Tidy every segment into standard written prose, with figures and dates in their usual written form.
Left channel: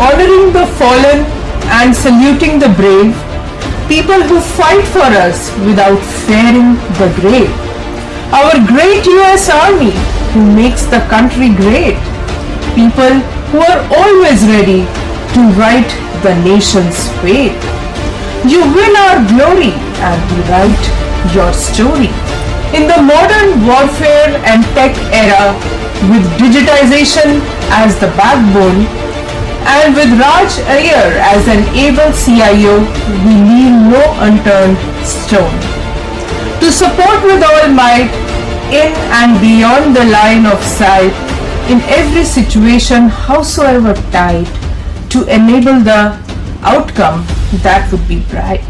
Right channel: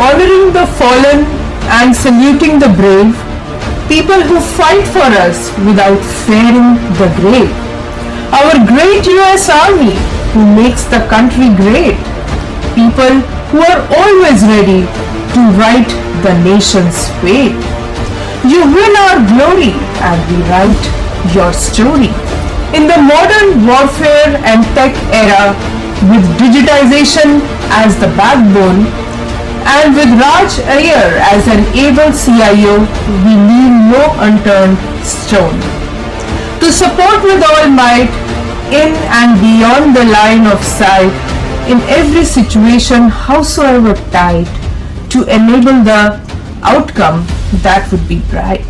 honoring the fallen and saluting the brave, people who fight for us without fearing the grave. Our great US Army who makes the country great. People who are always ready to right the nation's fate. You will our glory and we write your story. In the modern warfare and tech era, with digitization as the backbone, and with Raj Iyer as an able CIO, we leave no unturned stone. To support with all might, in and beyond the line of sight, in every situation, howsoever tight, to enable the outcome that would be bright.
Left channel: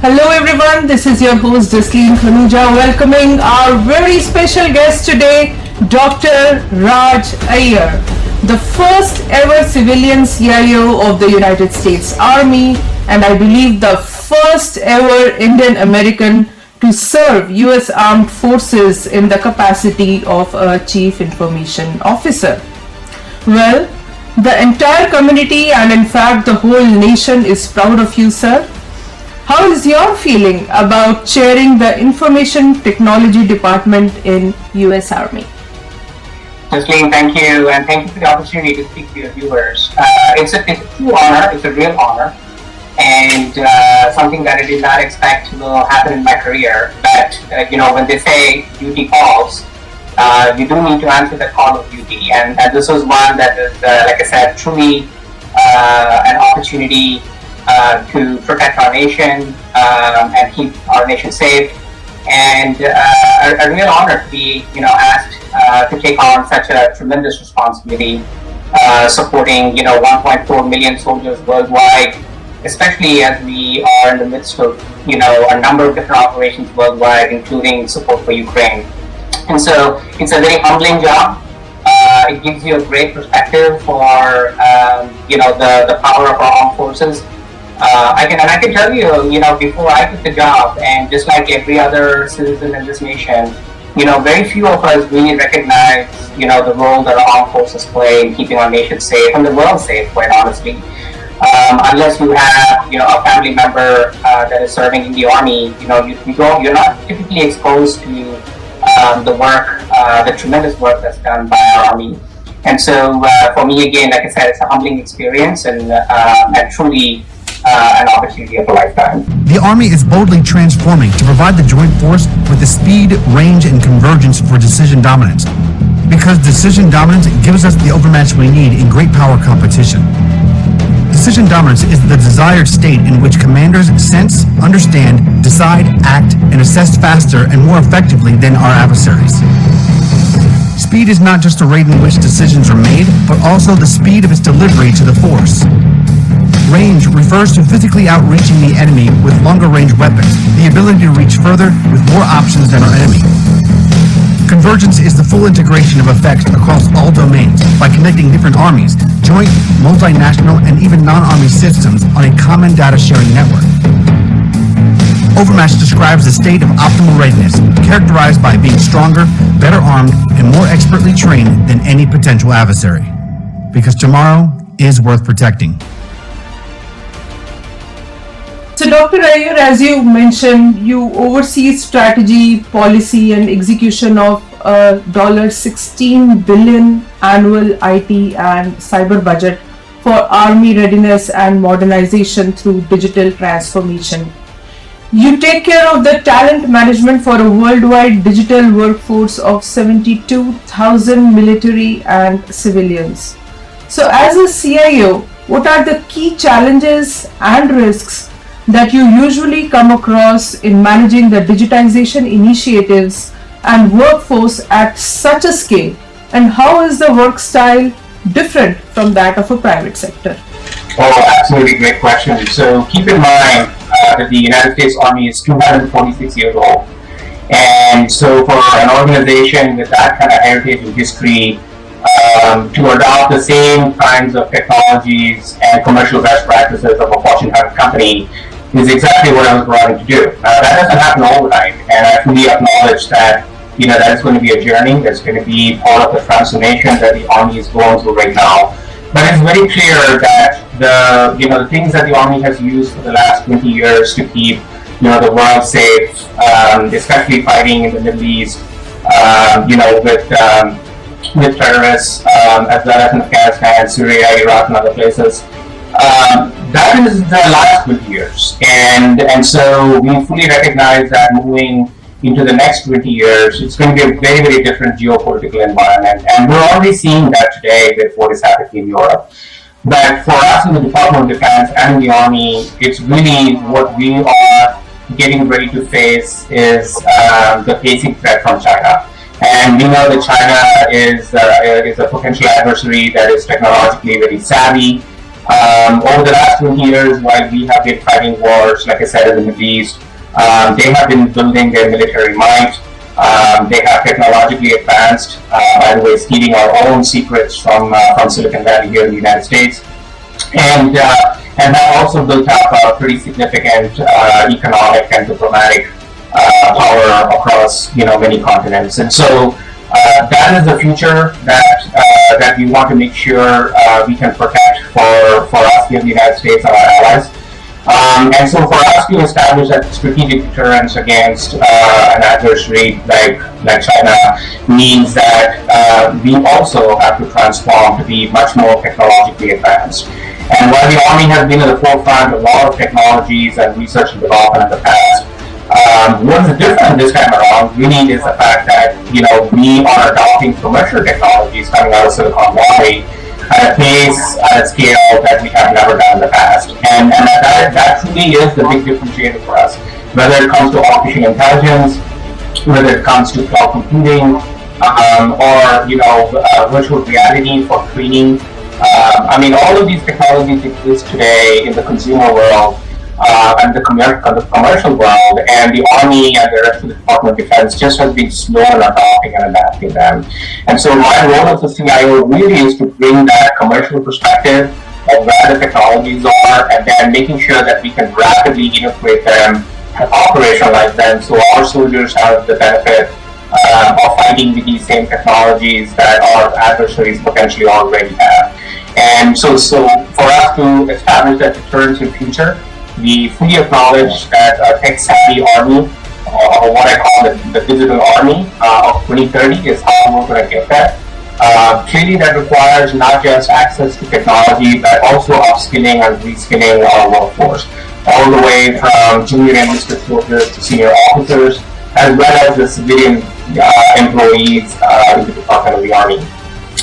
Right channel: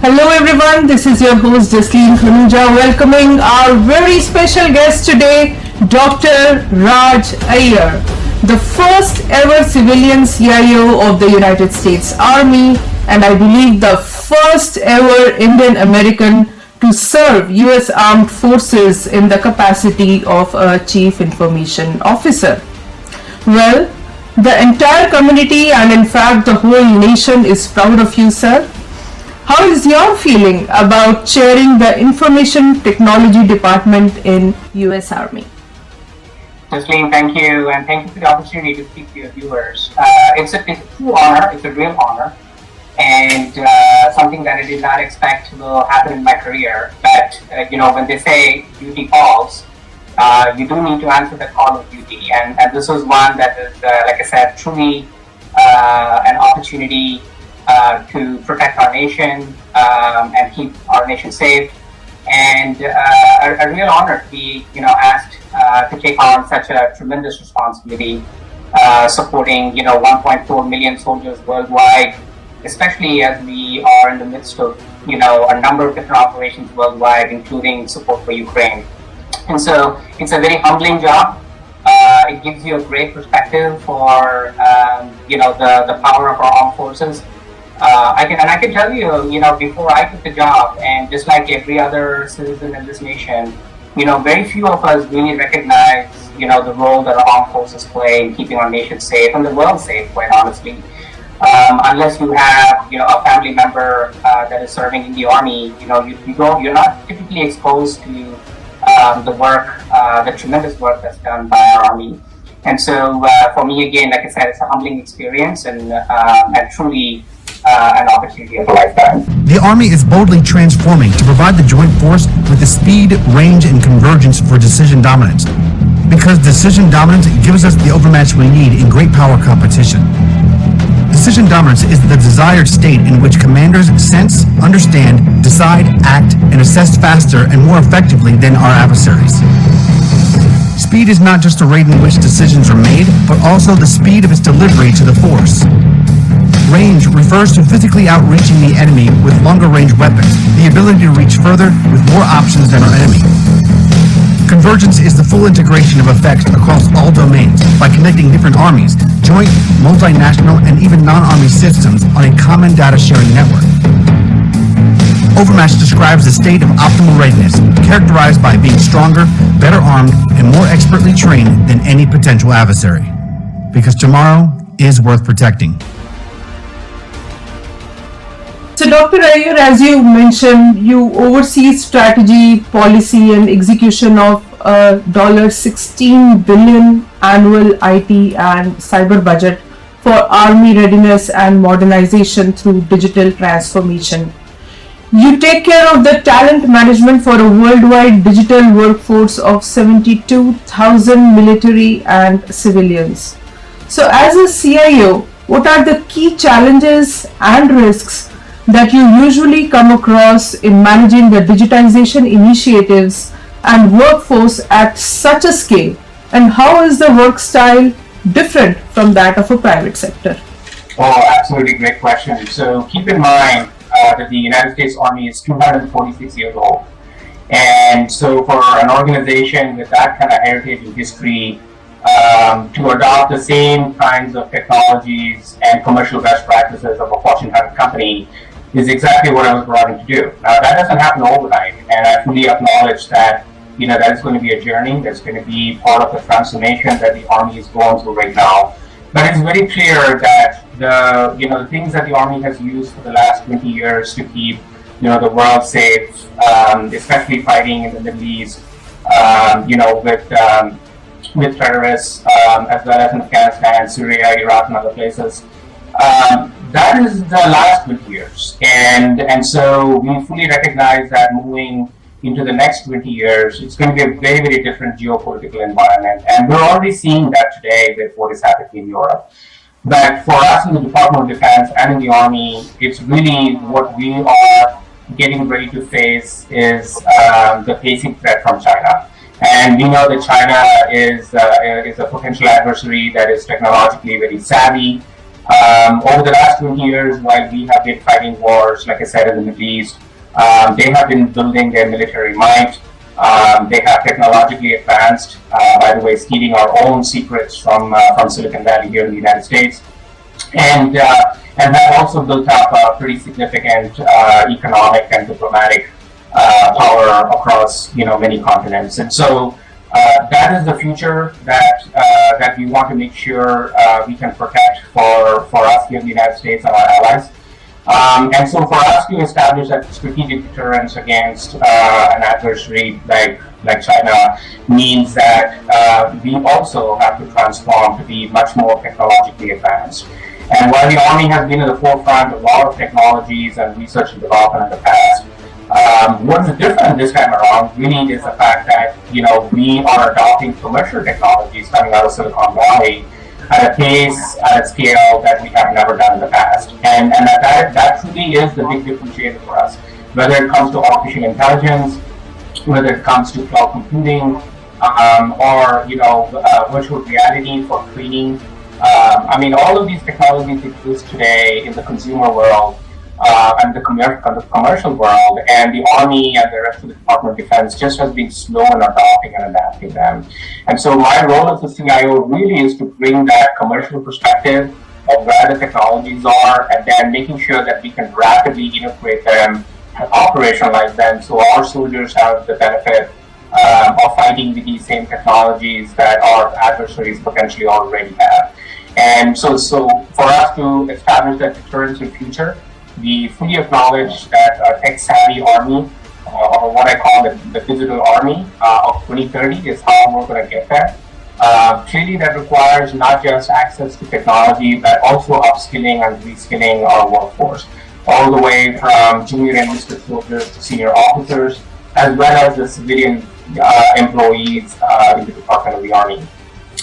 Hello everyone, this is your host Jasleen Khanuja, welcoming our very special guest today, Dr. Raj Iyer, the first ever civilian CIO of the United States Army, and I believe the first ever Indian American to serve US Armed Forces in the capacity of a Chief Information Officer. Well, the entire community and in fact the whole nation is proud of you, sir. How is your feeling about chairing the Information Technology Department in US Army? Jasleen, thank you, and thank you for the opportunity to speak to your viewers. It's a true honor, it's a real honor, and something that I did not expect will happen in my career. But, when they say duty calls, you do need to answer the call of duty, and this was one that is, like I said, truly an opportunity to protect our nation and keep our nation safe, and a real honor to be, asked to take on such a tremendous responsibility, supporting, 1.4 million soldiers worldwide, especially as we are in the midst of, a number of different operations worldwide, including support for Ukraine. And so it's a very humbling job. It gives you a great perspective for, the power of our armed forces. I can tell you, before I took the job, and just like every other citizen in this nation, very few of us really recognize, the role that our armed forces play in keeping our nation safe and the world safe, quite honestly. Unless you have, a family member that is serving in the army, you're not typically exposed to the work, the tremendous work that's done by our army. And so, for me, again, like I said, it's a humbling experience and truly an opportunity of a lifetime. The Army is boldly transforming to provide the joint force with the speed, range, and convergence for decision dominance. Because decision dominance gives us the overmatch we need in great power competition. Decision dominance is the desired state in which commanders sense, understand, decide, act, and assess faster and more effectively than our adversaries. Speed is not just a rate in which decisions are made, but also the speed of its delivery to the force. Range refers to physically outreaching the enemy with longer range weapons, the ability to reach further with more options than our enemy. Convergence is the full integration of effects across all domains by connecting different armies, joint, multinational, and even non-army systems on a common data sharing network. Overmatch describes the state of optimal readiness, characterized by being stronger, better armed, and more expertly trained than any potential adversary. Because tomorrow is worth protecting. So Dr. Iyer, as you mentioned, you oversee strategy, policy and execution of a $16 billion annual IT and cyber budget for Army readiness and modernization through digital transformation. You take care of the talent management for a worldwide digital workforce of 72,000 military and civilians. So as a CIO, what are the key challenges and risks that you usually come across in managing the digitization initiatives and workforce at such a scale, and how is the work style different from that of a private sector? Oh, absolutely great question. So keep in mind that the United States Army is 246 years old. And so for an organization with that kind of heritage and history, to adopt the same kinds of technologies and commercial best practices of a Fortune 100 company is exactly what I was brought in to do. Now, that doesn't happen overnight, and I truly acknowledge that, that is going to be a journey. That's going to be part of the transformation that the Army is going through right now. But it's very clear that the things that the Army has used for the last 20 years to keep the world safe, especially fighting in the Middle East, with terrorists, as well as in Afghanistan, Syria, Iraq, and other places. That is the last 20 years, and so we fully recognize that moving into the next 20 years, it's going to be a very, very different geopolitical environment, and we're already seeing that today with what is happening in Europe. But for us in the Department of Defense and the Army, it's really what we are getting ready to face is the basic threat from China. And we know that China is a potential adversary that is technologically very savvy. Over the last 20 years, while we have been fighting wars, like I said, in the Middle East, they have been building their military might. They have technologically advanced, by the way, stealing our own secrets from Silicon Valley here in the United States. And they've also built up a pretty significant economic and diplomatic power across many continents. And so that is the future that we want to make sure we can protect for us here in the United States and our allies. And so for us to establish that strategic deterrence against an adversary like China means that we also have to transform to be much more technologically advanced. And while the Army has been at the forefront of a lot of technologies and research and development in the past, what is different this time around really is the fact that we are adopting commercial technologies coming out of Silicon Valley at a pace, at a scale that we have never done in the past. And that truly is the big differentiator for us. Whether it comes to artificial intelligence, whether it comes to cloud computing, or virtual reality for training. All of these technologies exist today in the consumer world and the commercial world, and the Army and the rest of the Department of Defense just has been slow in adopting and adapting them. And so my role as a CIO really is to bring that commercial perspective of where the technologies are, and then making sure that we can rapidly integrate them and operationalize them so our soldiers have the benefit of fighting with these same technologies that our adversaries potentially already have. And so for us to establish that deterrence in future, we fully acknowledge that a tech-savvy army, or what I call the digital army of 2030, is how we're going to get that. Clearly, that requires not just access to technology, but also upskilling and reskilling our workforce, all the way from junior enlisted soldiers to senior officers, as well as the civilian employees in the Department of the Army.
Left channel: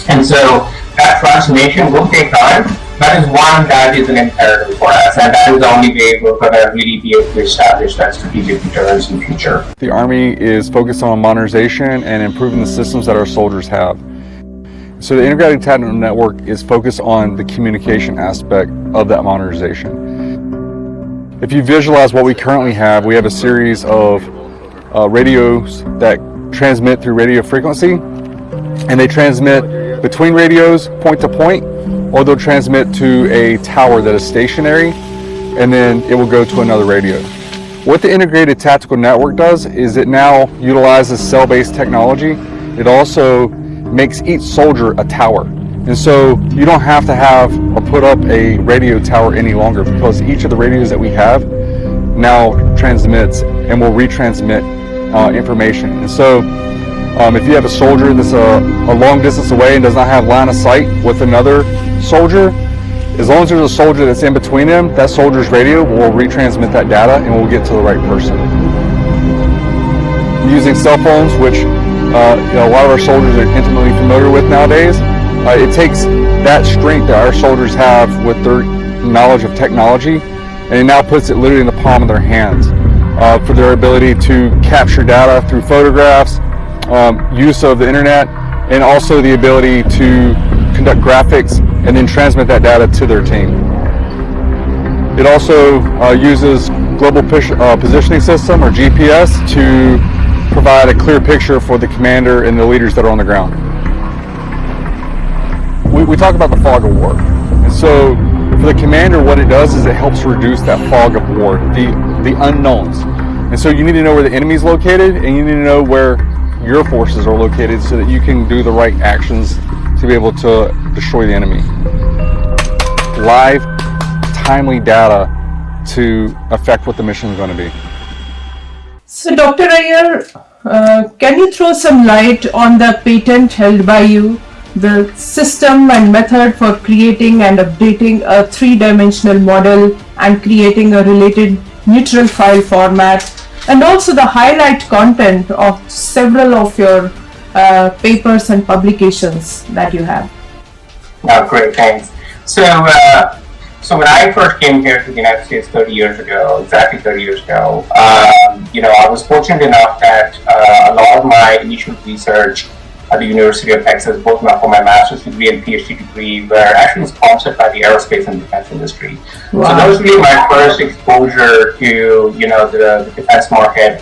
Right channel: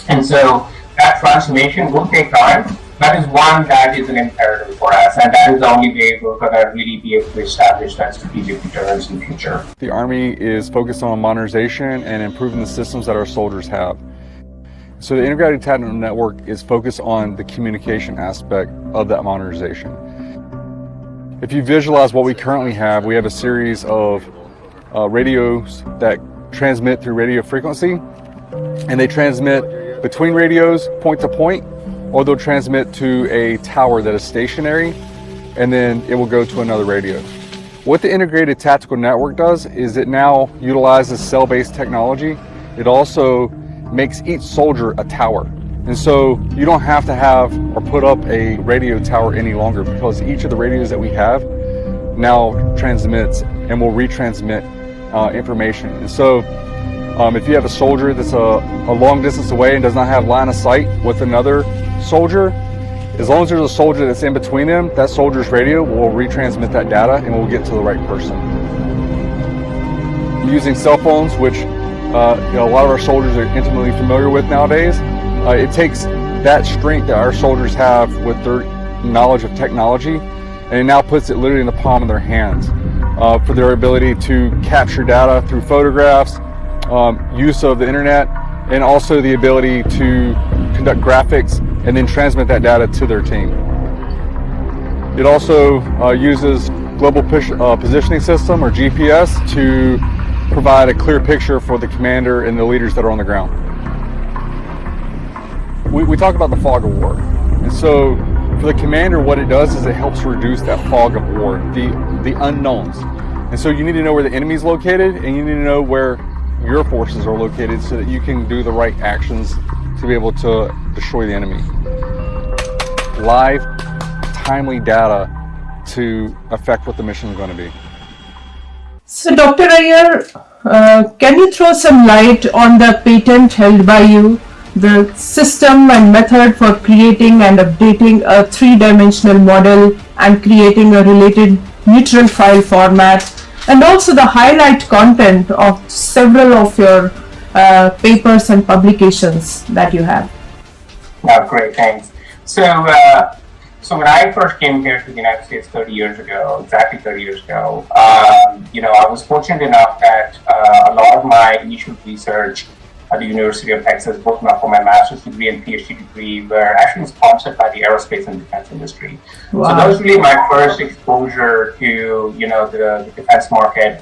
And so that transformation will take time. That is one that is an imperative for us, and that is the only way we're going to really be able to establish that strategic deterrence in the future. The Army is focused on modernization and improving the systems that our soldiers have. So the Integrated Tactical Network is focused on the communication aspect of that modernization. If you visualize what we currently have, we have a series of radios that transmit through radio frequency, and they transmit between radios point to point, or they'll transmit to a tower that is stationary, and then it will go to another radio. What the Integrated Tactical Network does is it now utilizes cell-based technology. It also makes each soldier a tower. And so you don't have to have or put up a radio tower any longer, because each of the radios that we have now transmits and will retransmit information. And so if you have a soldier that's a long distance away and does not have line of sight with another soldier, as long as there's a soldier that's in between them, that soldier's radio will retransmit that data and will get to the right person. Using cell phones, which a lot of our soldiers are intimately familiar with nowadays, it takes that strength that our soldiers have with their knowledge of technology, and it now puts it literally in the palm of their hands for their ability to capture data through photographs, use of the internet, and also the ability to conduct graphics and then transmit that data to their team. It also uses Global Positioning System, or GPS, to provide a clear picture for the commander and the leaders that are on the ground. We talk about the fog of war. So for the commander, what it does is it helps reduce that fog of war, the unknowns. And so you need to know where the enemy is located, and you need to know where your forces are located so that you can do the right actions to be able to destroy the enemy. live, timely data to affect what the mission is going to be. So, Dr. Iyer, can you throw some light on the patent held by you, the system and method for creating and updating a three-dimensional model and creating a related neutral file format, and also the highlight content of several of your papers and publications that you have? Oh, great, thanks. So when I first came here to the United States 30 years ago, exactly 30 years ago, I was fortunate enough that a lot of my initial research at the University of Texas, both for my master's degree and PhD degree, were actually sponsored by the aerospace and defense industry. Wow. So that was really my first exposure to, the defense market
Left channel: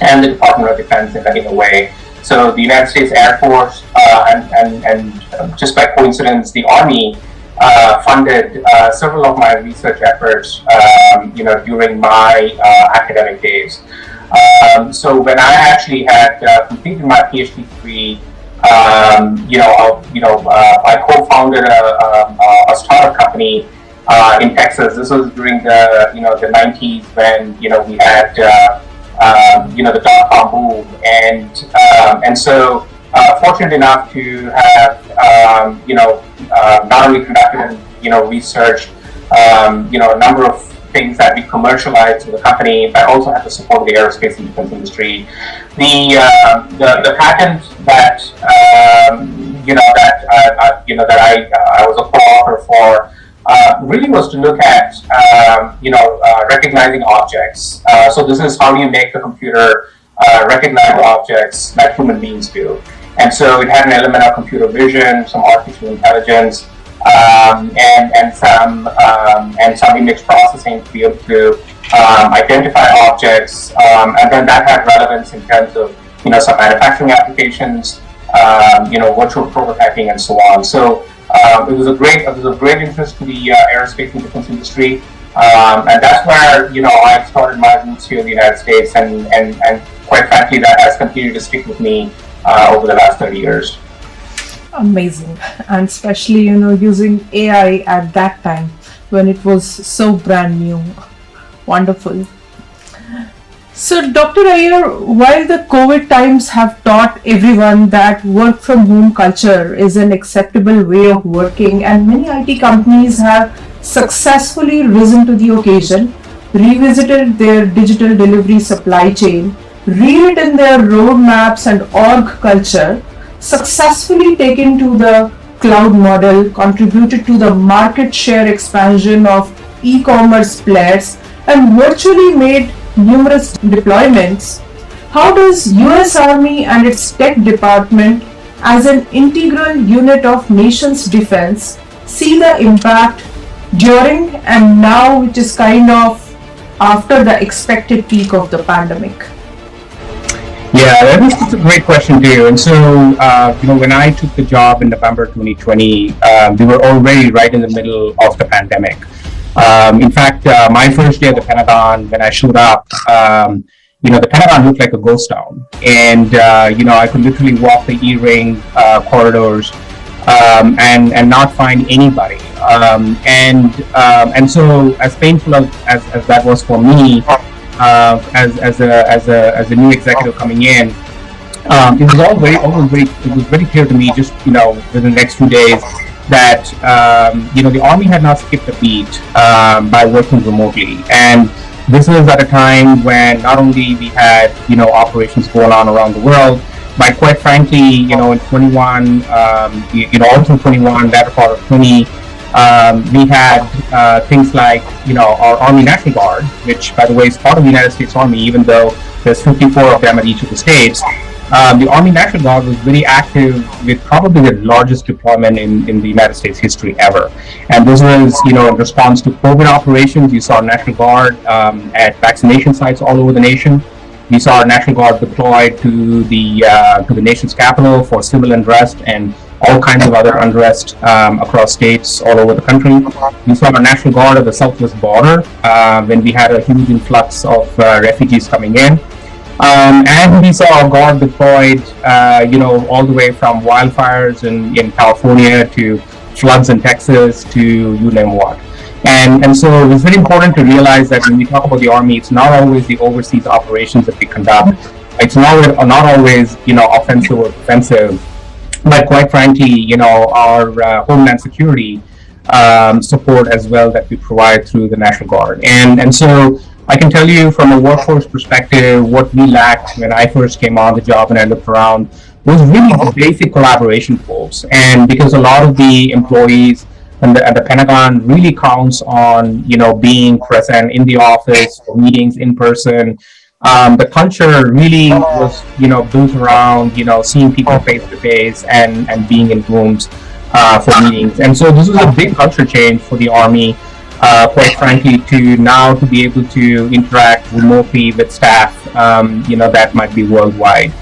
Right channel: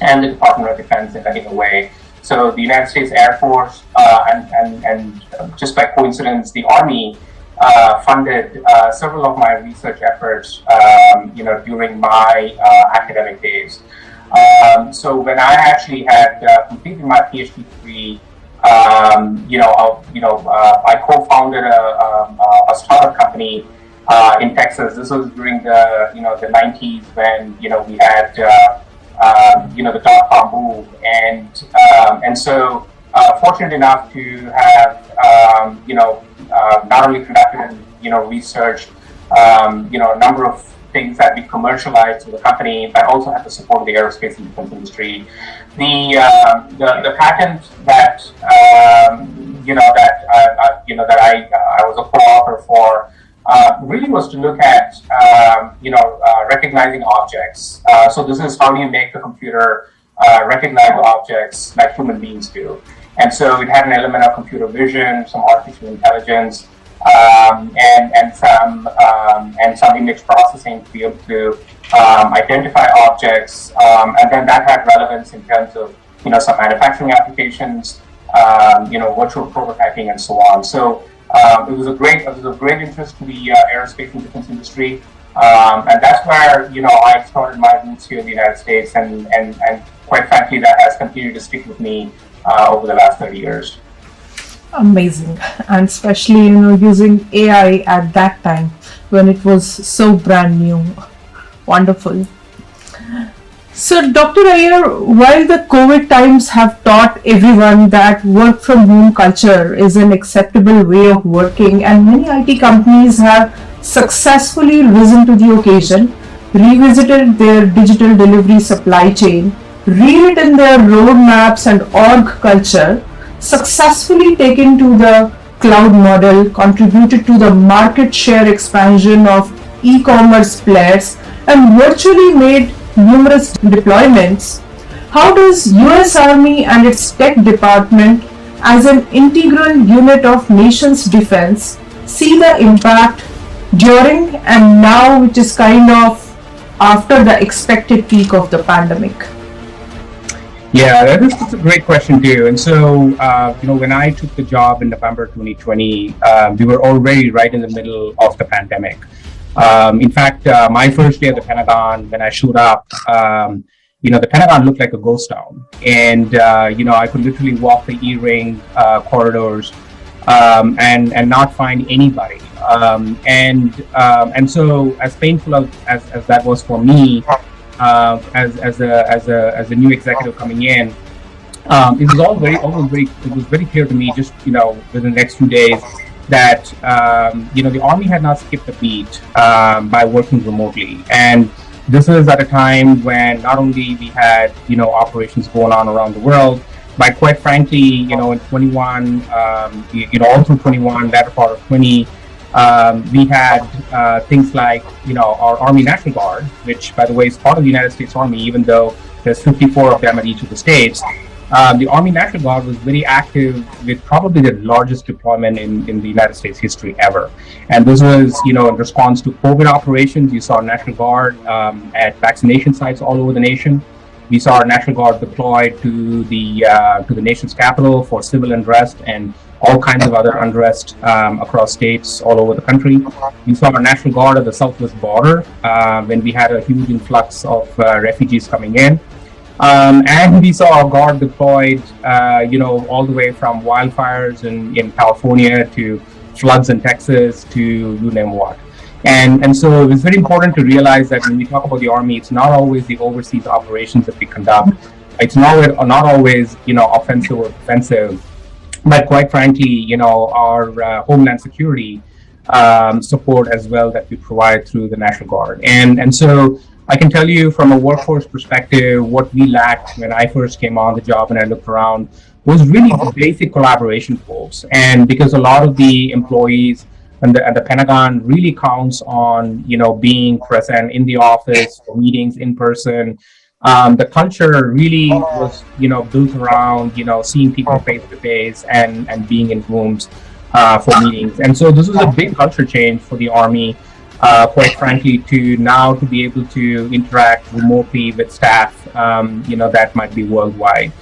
and the Department of Defense in a way. So the United States Air Force and just by coincidence, the Army funded several of my research efforts, during my academic days. So when I actually had completed my PhD degree, I co-founded a startup company in Texas. This was during the 90s when we had the dot-com boom, and so fortunate enough to have not only conducted research, a number of things that we commercialized in the company, but also had to support the aerospace and defense industry. The patent that I was a co-author for really was to look at recognizing objects. So this is how you make the computer recognize objects like human beings do. And so it had an element of computer vision, some artificial intelligence, and some image processing to be able to identify objects, and then that had relevance in terms of some manufacturing applications, virtual prototyping, and so on. So it was a great interest to the aerospace and defense industry, and that's where I started my roots here in the United States, and quite frankly, that has continued to stick with me over the last 30 years. Amazing. And especially using AI at that time when it was so brand new. Wonderful. So Dr. Iyer, while the COVID times have taught everyone that work from home culture is an acceptable way of working, and many IT companies have successfully risen to the occasion, revisited their digital delivery supply chain, rewritten their roadmaps and org culture, successfully taken to the cloud model, contributed to the market share expansion of e-commerce players, and virtually made numerous deployments, how does US Army and its tech department, as an integral unit of nation's defense, see the impact during and now, which is kind of after the expected peak of the pandemic? Yeah, that's a great question too. And so, when I took the job in November 2020, we were already right in the middle of the pandemic. In fact, my first day at the Pentagon, when I showed up, the Pentagon looked like a ghost town. And, I could literally walk the E-ring corridors and not find anybody. And so, as painful as that was for me, as a new executive coming in, it was very clear to me just within the next few days that the Army had not skipped a beat by working remotely. And this was at a time when not only we had operations going on around the world, but quite frankly, in 21, all through 21, latter part of 20. We had things like, our Army National Guard, which, by the way, is part of the United States Army, even though there's 54 of them at each of the states. The Army National Guard was very active with probably the largest deployment in the United States history ever. And this was, in response to COVID operations. You saw National Guard at vaccination sites all over the nation. We saw National Guard deployed to the nation's capital for civil unrest and all kinds of other unrest across states all over the country. We saw the National Guard at the southwest border when we had a huge influx of refugees coming in. And we saw our Guard deployed, all the way from wildfires in California to floods in Texas to you name what. And so it's very important to realize that when we talk about the Army, it's not always the overseas operations that we conduct. It's not always, offensive or defensive, but quite frankly, our homeland security support as well that we provide through the National Guard. And so I can tell you from a workforce perspective, what we lacked when I first came on the job and I looked around was really basic collaboration tools. And because a lot of the employees and the Pentagon really counts on, being present in the office, or meetings in person. The culture really was, built around, seeing people face to face and being in rooms for meetings. And so this was a big culture change for the Army, quite frankly, to be able to interact remotely with staff, that might be worldwide.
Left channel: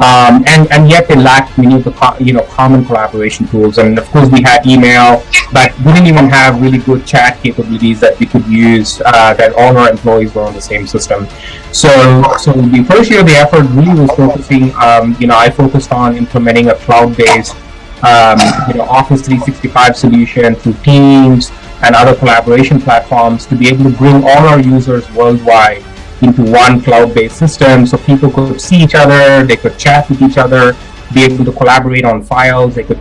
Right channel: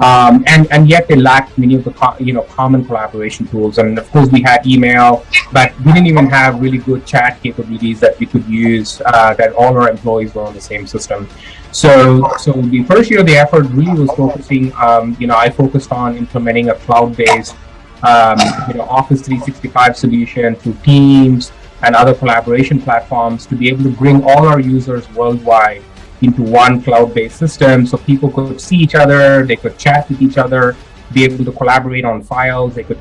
And yet they lacked many of the common collaboration tools. And of course we had email, but we didn't even have really good chat capabilities that we could use, that all our employees were on the same system. So the first year of the effort really was focusing, I focused on implementing a cloud-based Office 365 solution through Teams and other collaboration platforms to be able to bring all our users worldwide into one cloud-based system, so people could see each other, they could chat with each other, be able to collaborate on files, they could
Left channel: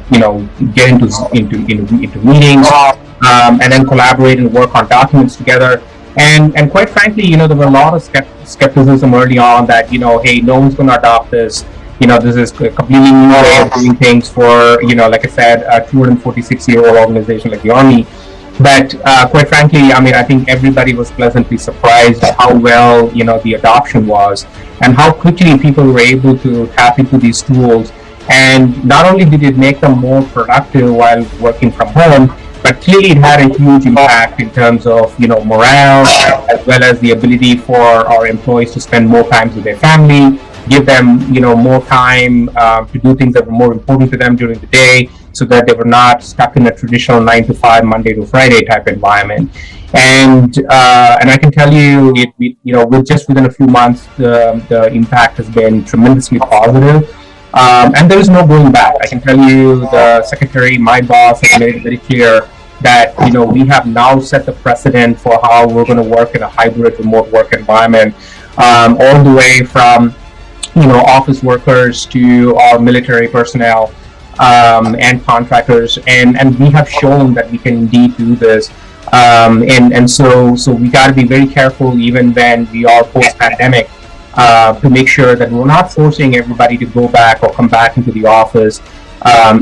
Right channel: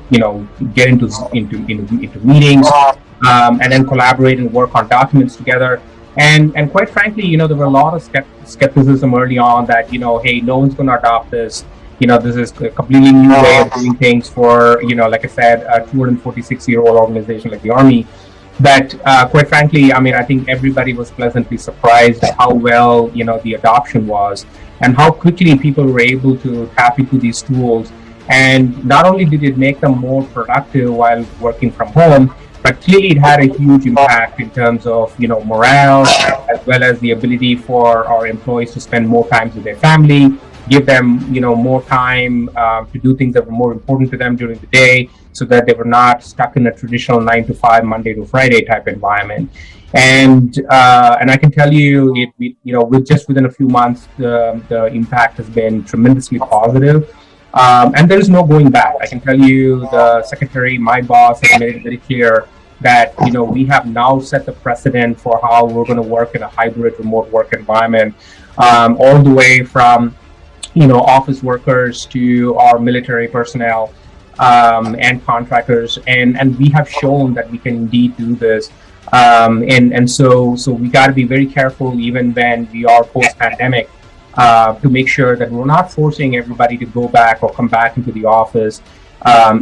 get into meetings, and then collaborate and work on documents together. And quite frankly, there were a lot of skepticism early on that hey, no one's going to adopt this. This is a completely new way of doing things for like I said, a 246-year-old organization like the Army. But quite frankly, I think everybody was pleasantly surprised at how well, the adoption was and how quickly people were able to tap into these tools. And not only did it make them more productive while working from home, but clearly it had a huge impact in terms of, morale, as well as the ability for our employees to spend more time with their family, give them, more time to do things that were more important to them during the day, so that they were not stuck in a traditional 9 to 5, Monday to Friday type environment. And I can tell you, within a few months, the impact has been tremendously positive. And there is no going back. I can tell you, the secretary, my boss, has made it very clear that we have now set the precedent for how we're going to work in a hybrid remote work environment, all the way from office workers to our military personnel. And contractors, and we have shown that we can indeed do this, and so we got to be very careful even when we are post-pandemic, to make sure that we're not forcing everybody to go back or come back into the office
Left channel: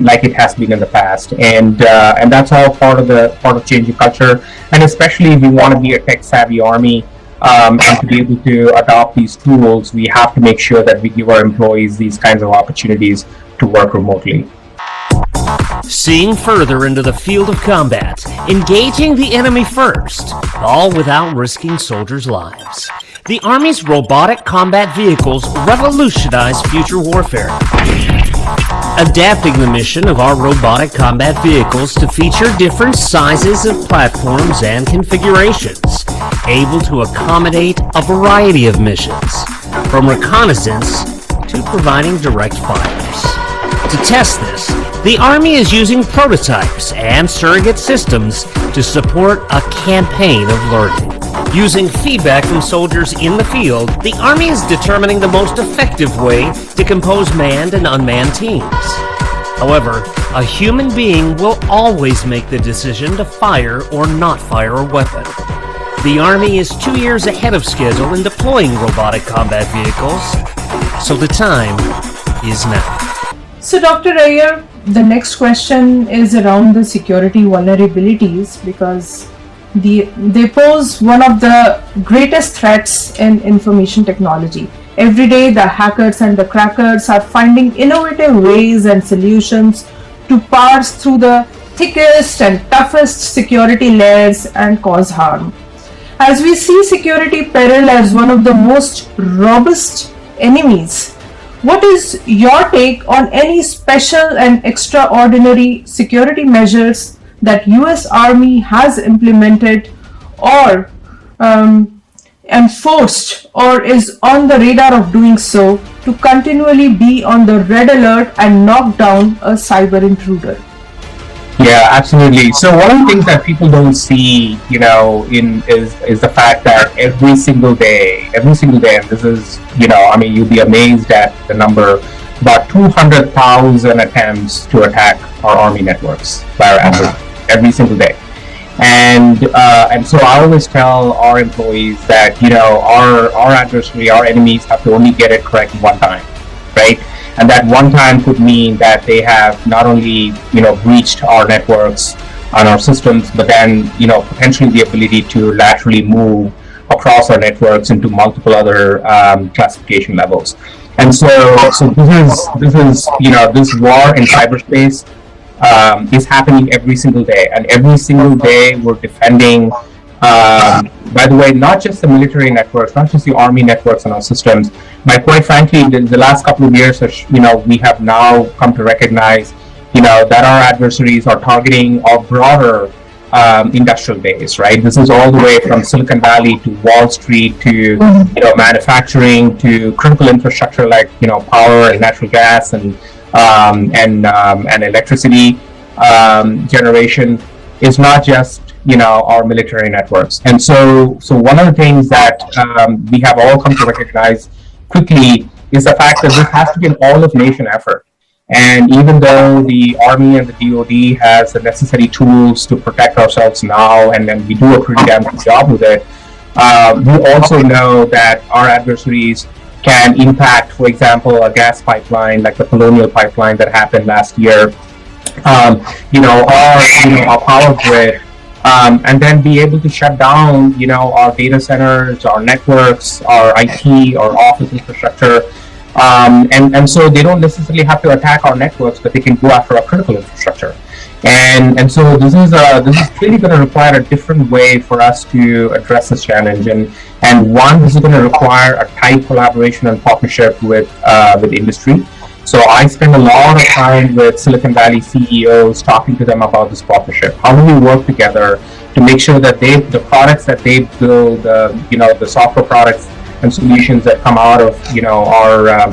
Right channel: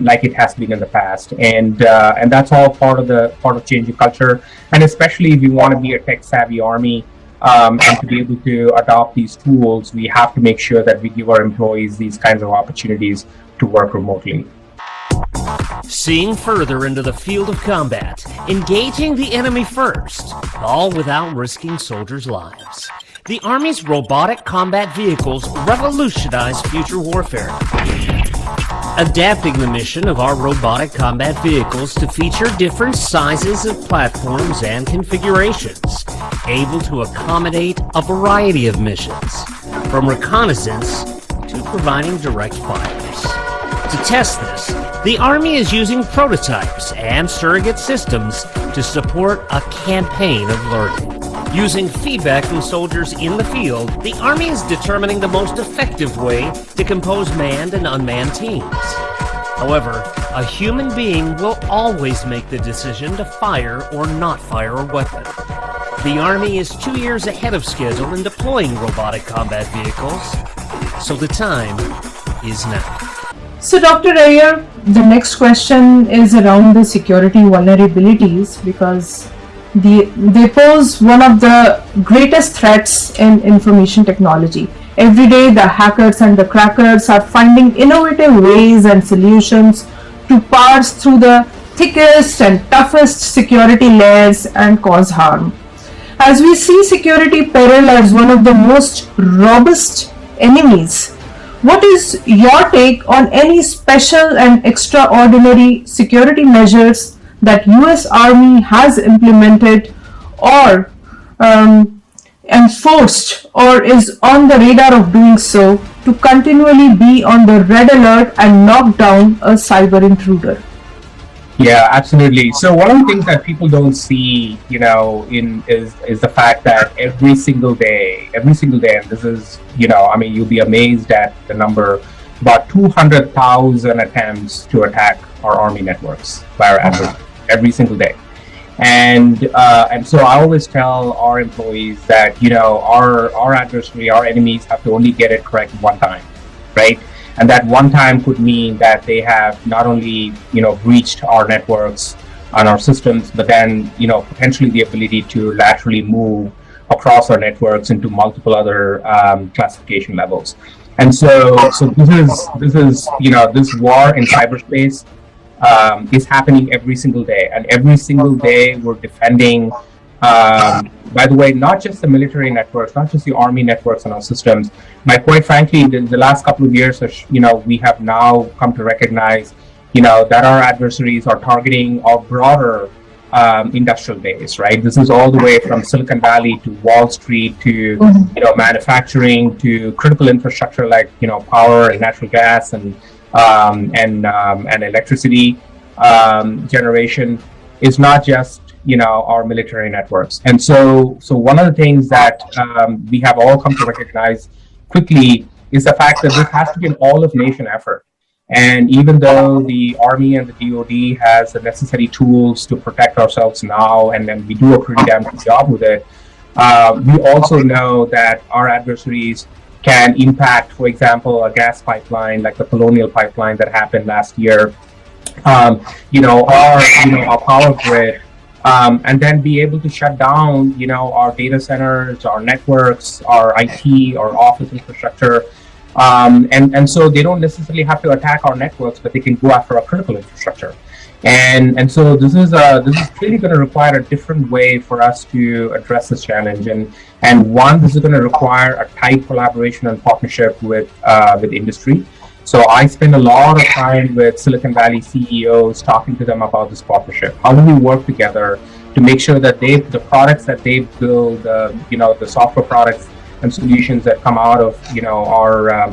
like it has been in the past, and that's all part of changing culture, and especially if we want to be a tech-savvy Army. And to be able to adopt these tools, we have to make sure that we give our employees these kinds of opportunities to work remotely. Seeing further into the field of combat, engaging the enemy first, all without risking soldiers' lives. The Army's robotic combat vehicles revolutionize future warfare. Adapting the mission of our robotic combat vehicles to feature different sizes of platforms and configurations, able to accommodate a variety of missions, from reconnaissance to providing direct fires. To test this, the Army is using prototypes and surrogate systems to support a campaign of learning. Using feedback from soldiers in the field, the Army is determining the most effective way to compose manned and unmanned teams. However, a human being will always make the decision to fire or not fire a weapon. The Army is 2 years ahead of schedule in deploying robotic combat vehicles, so the time is now. So Dr. Iyer, the next question is around the security vulnerabilities, because they pose one of the greatest threats in information technology. Every day the hackers and the crackers are finding innovative ways and solutions to parse through the thickest and toughest security layers and cause harm. As we see security peril as one of the most robust enemies, what is your take on any special and extraordinary security measures that US Army has implemented or enforced or is on the radar of doing so to continually be on the red alert and knock down a cyber intruder? Yeah, absolutely. So one of the things that people don't see, is the fact that every single day, and this is, I mean, you'd be amazed at the number, about 200,000 attempts to attack our Army networks by our adversaries every single day. And so I always tell our employees that, our adversary, our enemies have to only get it correct one time, right? And that one time could mean that they have not only, breached our networks and our systems, but then, potentially the ability to laterally move across our networks into multiple other classification levels. And so this is, this war in cyberspace is happening every single day, and every single day we're defending. By the way, not just the military networks, not just the Army networks and our systems, but quite frankly, in the last couple of years, we have now come to recognize, that our adversaries are targeting our broader industrial base, right? This is all the way from Silicon Valley to Wall Street to, manufacturing to critical infrastructure like, power and natural gas and electricity generation. Is not just our military networks. And so one of the things that we have all come to recognize quickly is the fact that this has to be an all-of-nation effort. And even though the Army and the DoD has the necessary tools to protect ourselves now, and then we do a pretty damn good job with it, we also know that our adversaries can impact, for example, a gas pipeline like the Colonial Pipeline that happened last year, our power grid, and then be able to shut down, our data centers, our networks, our IT, our office infrastructure, and so they don't necessarily have to attack our networks, but they can go after our critical infrastructure. And so this is really going to require a different way for us to address this challenge. And one, this is going to require a tight collaboration and partnership with industry. So I spend a lot of time with Silicon Valley CEOs talking to them about this partnership. How do we work together to make sure that the products that they build, the software products and solutions that come out of our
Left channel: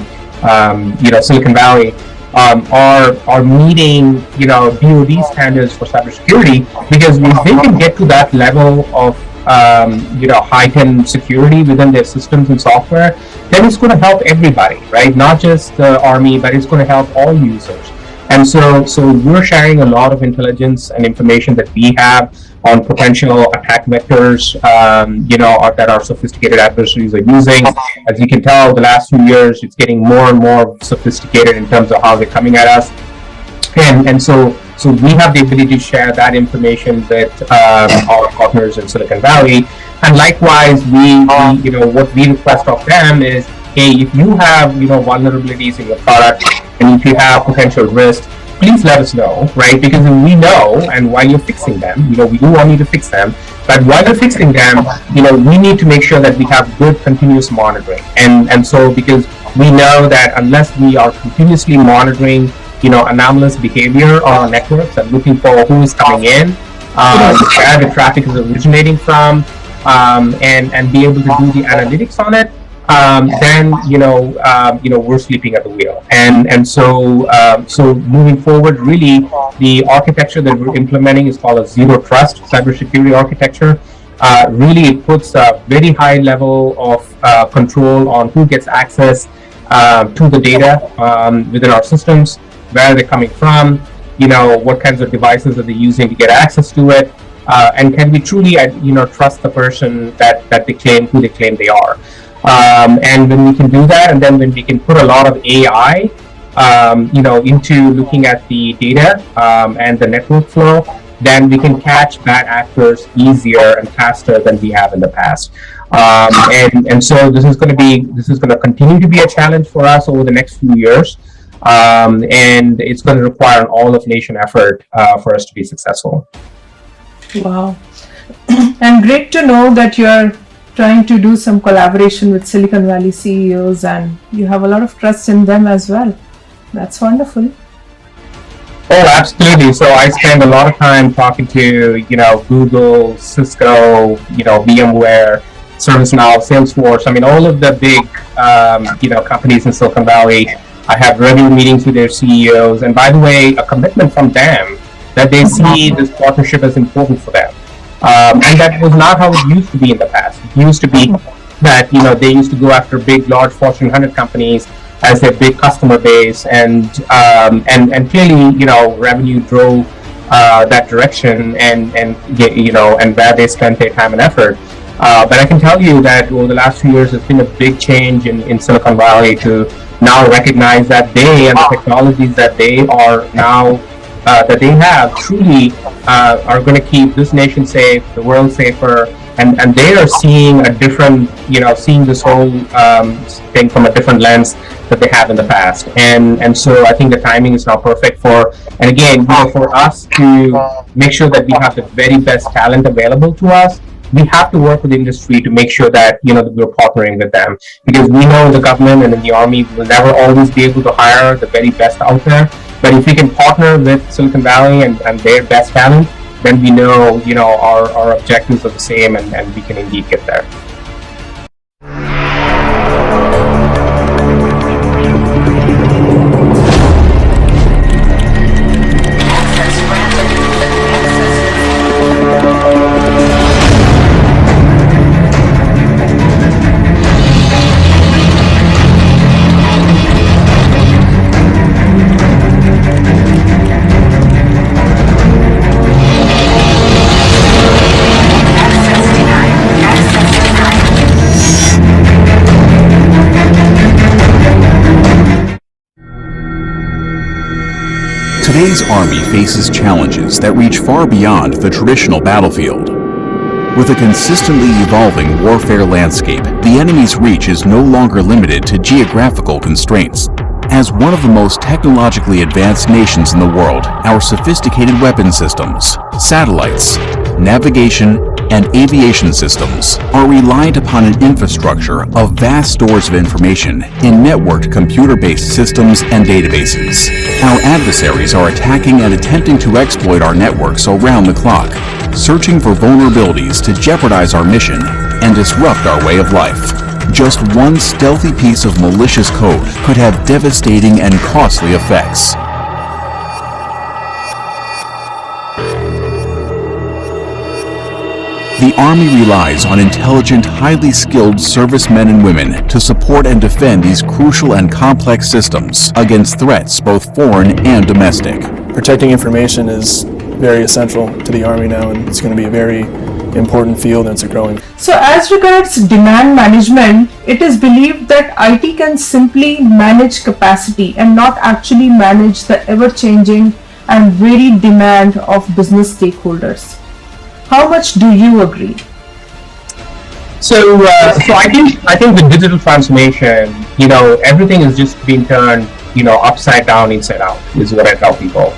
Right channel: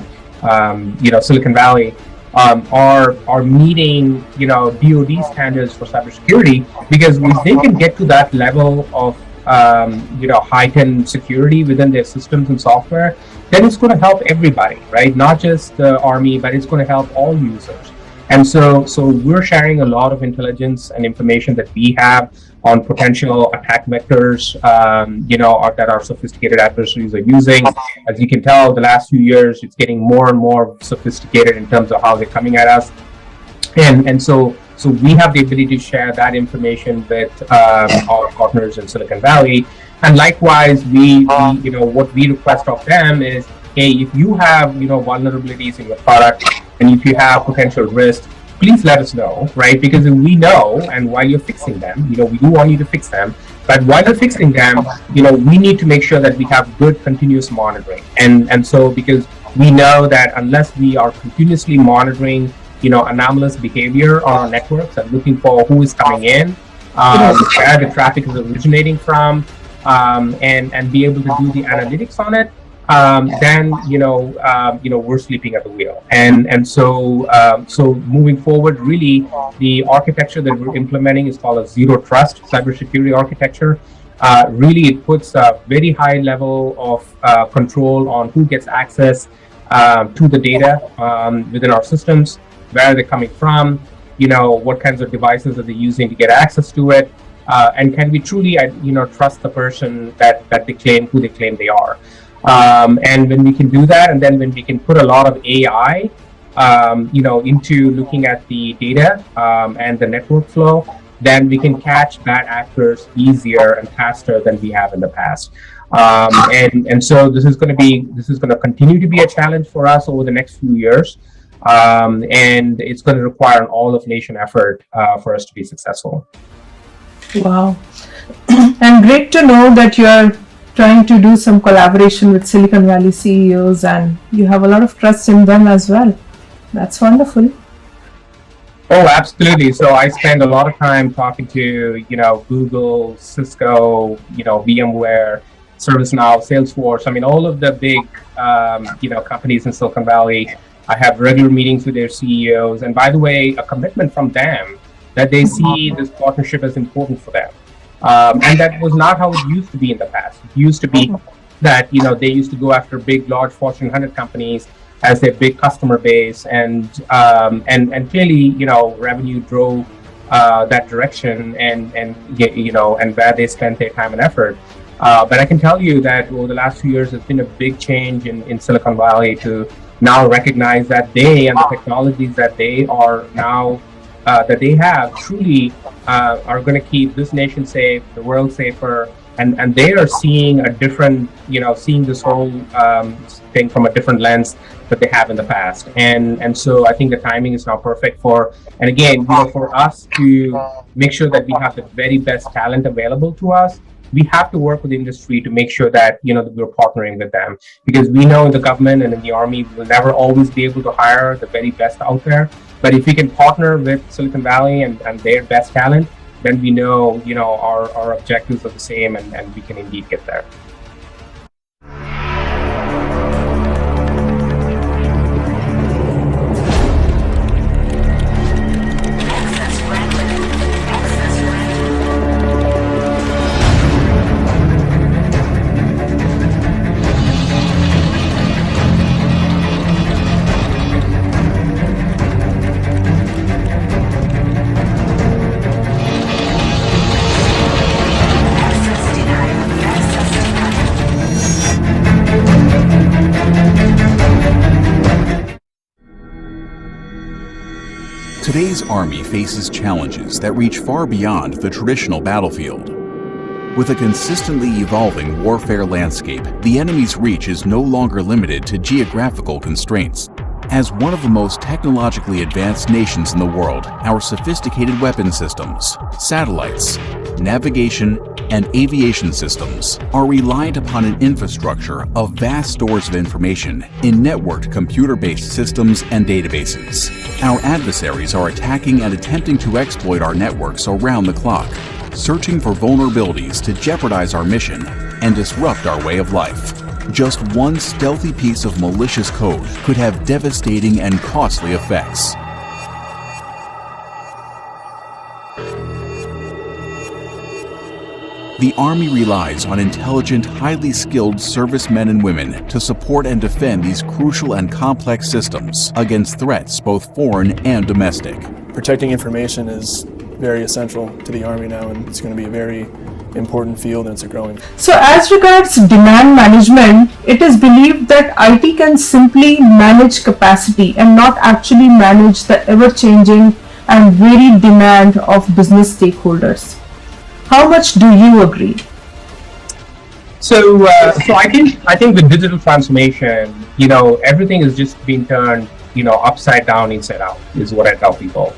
Silicon Valley are meeting DoD standards for cybersecurity, because if they can get to that level of heightened security within their systems and software, then it's going to help everybody, right? Not just the Army, but it's going to help all users. And so we're sharing a lot of intelligence and information that we have on potential attack vectors, that our sophisticated adversaries are using. As you can tell, the last few years, it's getting more and more sophisticated in terms of how they're coming at us. And so we have the ability to share that information with our partners in Silicon Valley. And likewise, what we request of them is, hey, if you have, vulnerabilities in your product, and if you have potential risks, please let us know, right? Because we know, and while you're fixing them, we do want you to fix them, but while you're fixing them, we need to make sure that we have good continuous monitoring. And so, because we know that unless we are continuously monitoring, anomalous behavior on our networks and looking for who is coming in, where the traffic is originating from, and be able to do the analytics on it, then we're sleeping at the wheel. And so moving forward, really the architecture that we're implementing is called a zero trust cybersecurity architecture. Really, it puts a very high level of control on who gets access to the data within our systems, where they're coming from, what kinds of devices are they using to get access to it, and can we truly trust the person that they claim, who they claim they are. And when we can do that, and then when we can put a lot of AI, into looking at the data and the network flow, then we can catch bad actors easier and faster than we have in the past. And so this is going to continue to be a challenge for us over the next few years, and it's going to require an all-of-nation effort for us to be successful. Wow. And great to know that you are trying to do some collaboration with Silicon Valley CEOs, and you have a lot of trust in them as well. That's wonderful. Oh, absolutely. So I spend a lot of time talking to, Google, Cisco, VMware, ServiceNow, Salesforce. I mean, all of the big, companies in Silicon Valley. I have regular meetings with their CEOs. And by the way, a commitment from them that they see this partnership as important for them. And that was not how it used to be in the past. It used to be that they used to go after big, large Fortune 100 companies as their big customer base, and clearly revenue drove that direction, and where they spent their time and effort. But I can tell you that over the last few years, there's been a big change in Silicon Valley to now recognize that they and the technologies that they are now that they have truly are going to keep this nation safe, the world safer, and they are seeing a different, seeing this whole thing from a different lens that they have in the past. And so I think the timing is now perfect for, and again, for us to make sure that we have the very best talent available to us. We have to work with the industry to make sure that that we're partnering with them, because we know in the government and in the Army we will never always be able to hire the very best out there. But if we can partner with Silicon Valley and their best talent, then we know our objectives are the same, and we can indeed get there. Today's Army faces challenges that reach far beyond the traditional battlefield. With a consistently evolving warfare landscape, the enemy's reach is no longer limited to geographical constraints. As one of the most technologically advanced nations in the world, our sophisticated weapon systems, satellites, navigation, and aviation systems are reliant upon an infrastructure of vast stores of information in networked computer-based systems and databases. Our adversaries are attacking and attempting to exploit our networks around the clock, searching for vulnerabilities to jeopardize our mission and disrupt our way of life. Just one stealthy piece of malicious code could have devastating and costly effects. The Army relies on intelligent, highly skilled servicemen and women to support and defend these crucial and complex systems against threats both foreign and domestic. Protecting information is very essential to the Army now, and it's going to be a very important field, and it's growing. So as regards demand management, it is believed that IT can simply manage capacity and not actually manage the ever-changing and varied demand of business stakeholders. How much do you agree? So I think the digital transformation, everything is just being turned, upside down, inside out, is what I tell people.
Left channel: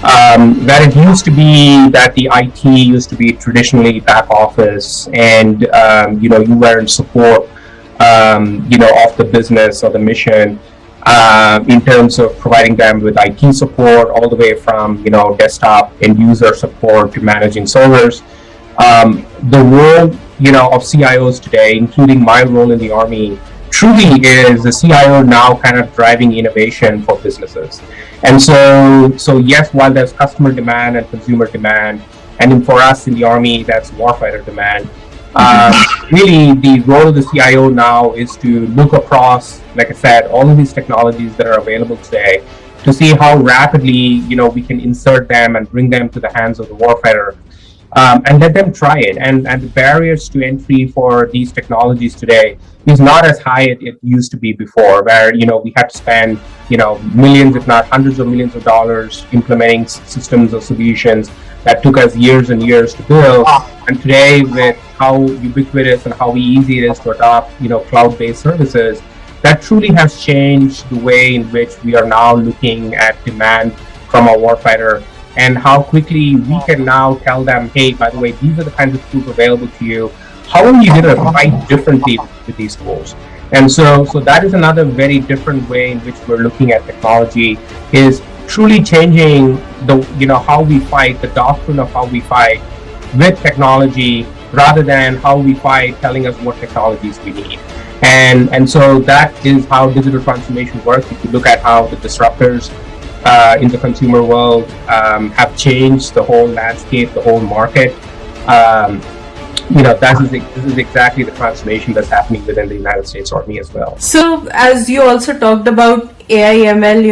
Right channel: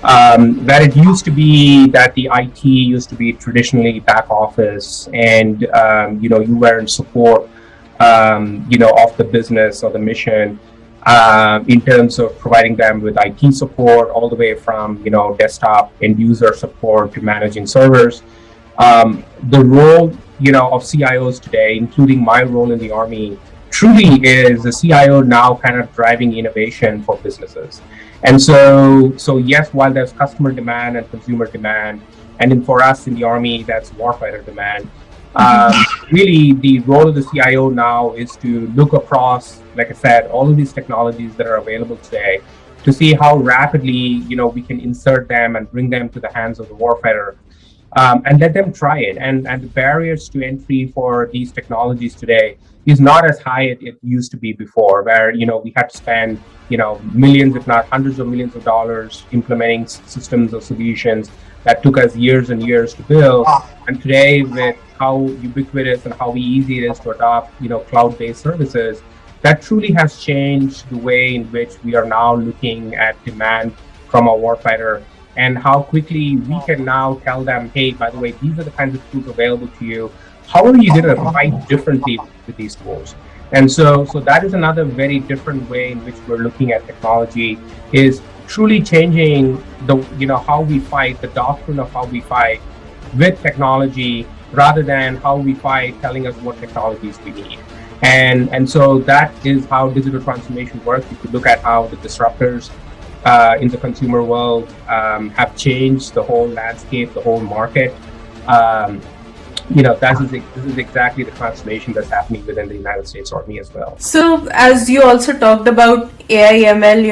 That it used to be that the IT used to be traditionally back office, and you were in support, of the business or the mission, in terms of providing them with IT support, all the way from desktop end user support to managing servers. The role of CIOs today, including my role in the Army, truly is the CIO now kind of driving innovation for businesses. And so yes, while there's customer demand and consumer demand, and for us in the Army, that's warfighter demand, really the role of the CIO now is to look across, like I said, all of these technologies that are available today, to see how rapidly we can insert them and bring them to the hands of the warfighter, and let them try it. And the barriers to entry for these technologies today is not as high as it used to be before, where we had to spend millions, if not hundreds of millions of dollars implementing systems or solutions that took us years and years to build. And today, with how ubiquitous and how easy it is to adopt cloud-based services, that truly has changed the way in which we are now looking at demand from our warfighter, and how quickly we can now tell them, hey, by the way, these are the kinds of tools available to you. How are you going to fight differently with these tools? And so that is another very different way in which we're looking at technology, is truly changing the how we fight, the doctrine of how we fight with technology, rather than how we fight telling us what technologies we need. And so that is how digital transformation works. If you look at how the disruptors in the consumer world have changed the whole landscape, the whole market. Um, this is exactly the transformation that's happening within the United States Army as well. So, as you also talked about AI ML,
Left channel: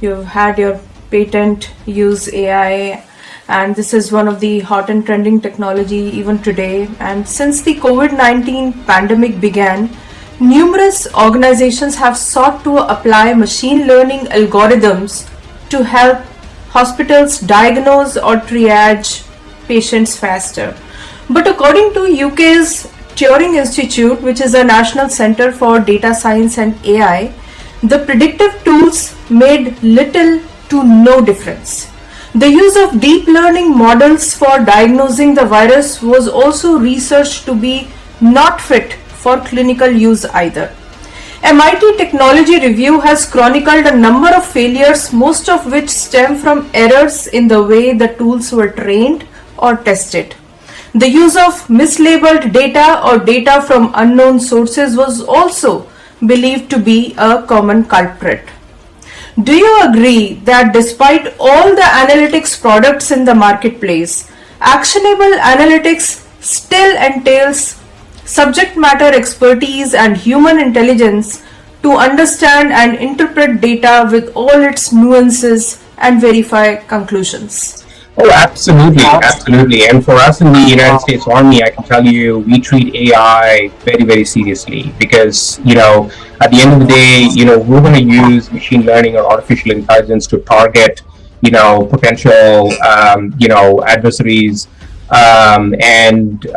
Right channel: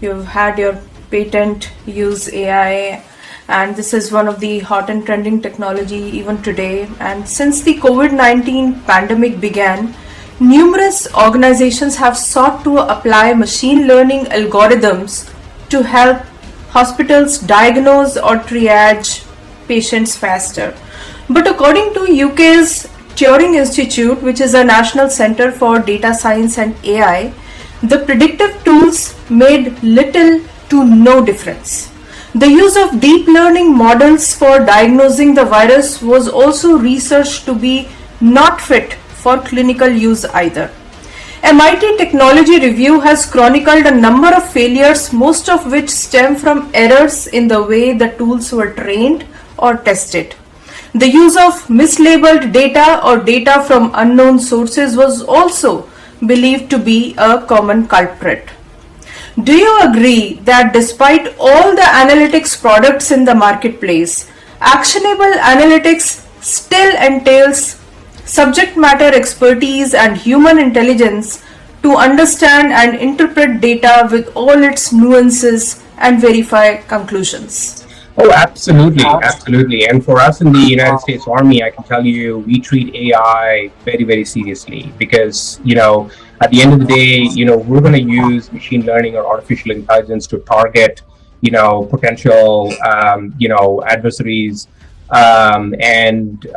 you've had your patent use AI, and this is one of the hot and trending technology even today. And since the COVID-19 pandemic began, numerous organizations have sought to apply machine learning algorithms to help hospitals diagnose or triage patients faster. But according to UK's Turing Institute, which is a national center for data science and AI, the predictive tools made little to no difference. The use of deep learning models for diagnosing the virus was also researched to be not fit for clinical use either. MIT Technology Review has chronicled a number of failures, most of which stem from errors in the way the tools were trained or tested. The use of mislabeled data or data from unknown sources was also believed to be a common culprit. Do you agree that despite all the analytics products in the marketplace, actionable analytics still entails subject matter expertise and human intelligence to understand and interpret data with all its nuances and verify conclusions? Oh, absolutely, absolutely. And for us in the United States Army, I can tell you, we treat AI very, very seriously because, at the end of the day, we're going to use machine learning or artificial intelligence to target, potential, adversaries, and you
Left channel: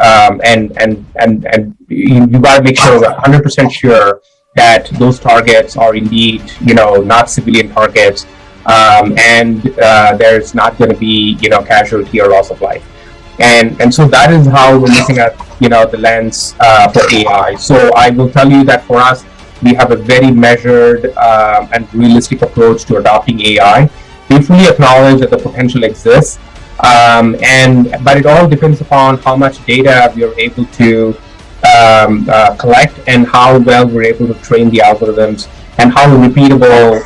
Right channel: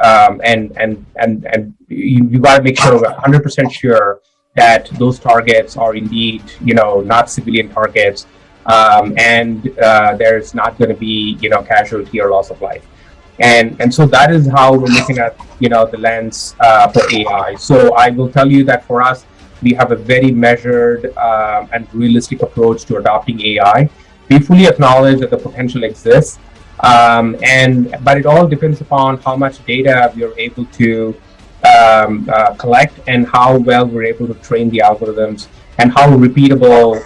got to make sure we're 100% sure that those targets are indeed, not civilian targets. There's not going to be casualty or loss of life, and so that is how we're looking at the lens for AI. So I will tell you that for us, we have a very measured and realistic approach to adopting AI. We fully acknowledge that the potential exists, but it all depends upon how much data we are able to collect and how well we're able to train the algorithms and how repeatable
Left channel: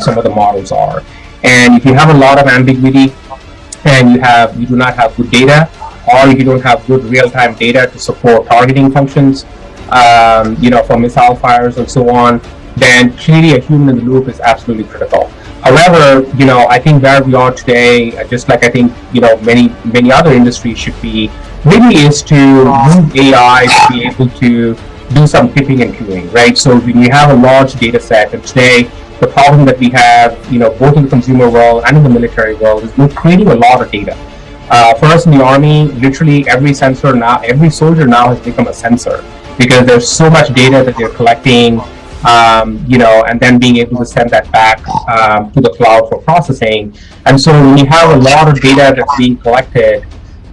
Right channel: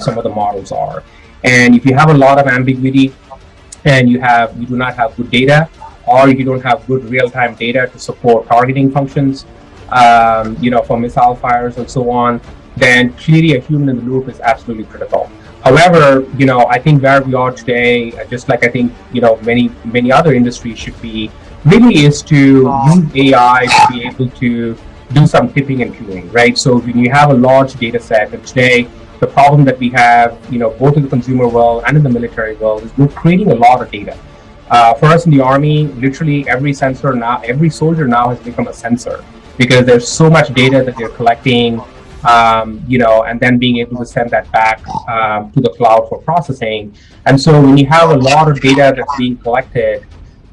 some of the models are. And if you have a lot of ambiguity and you do not have good data, or if you don't have good real-time data to support targeting functions, for missile fires and so on, then clearly a human in the loop is absolutely critical. However, I think where we are today, just like I think many other industries should be, really is to use AI to be able to do some tipping and queuing, right? So when you have a large data set, and today the problem that we have, both in the consumer world and in the military world, is we're creating a lot of data. For us in the Army, literally every soldier now has become a sensor because there's so much data that they're collecting, and then being able to send that back to the cloud for processing. And so when you have a lot of data that's being collected,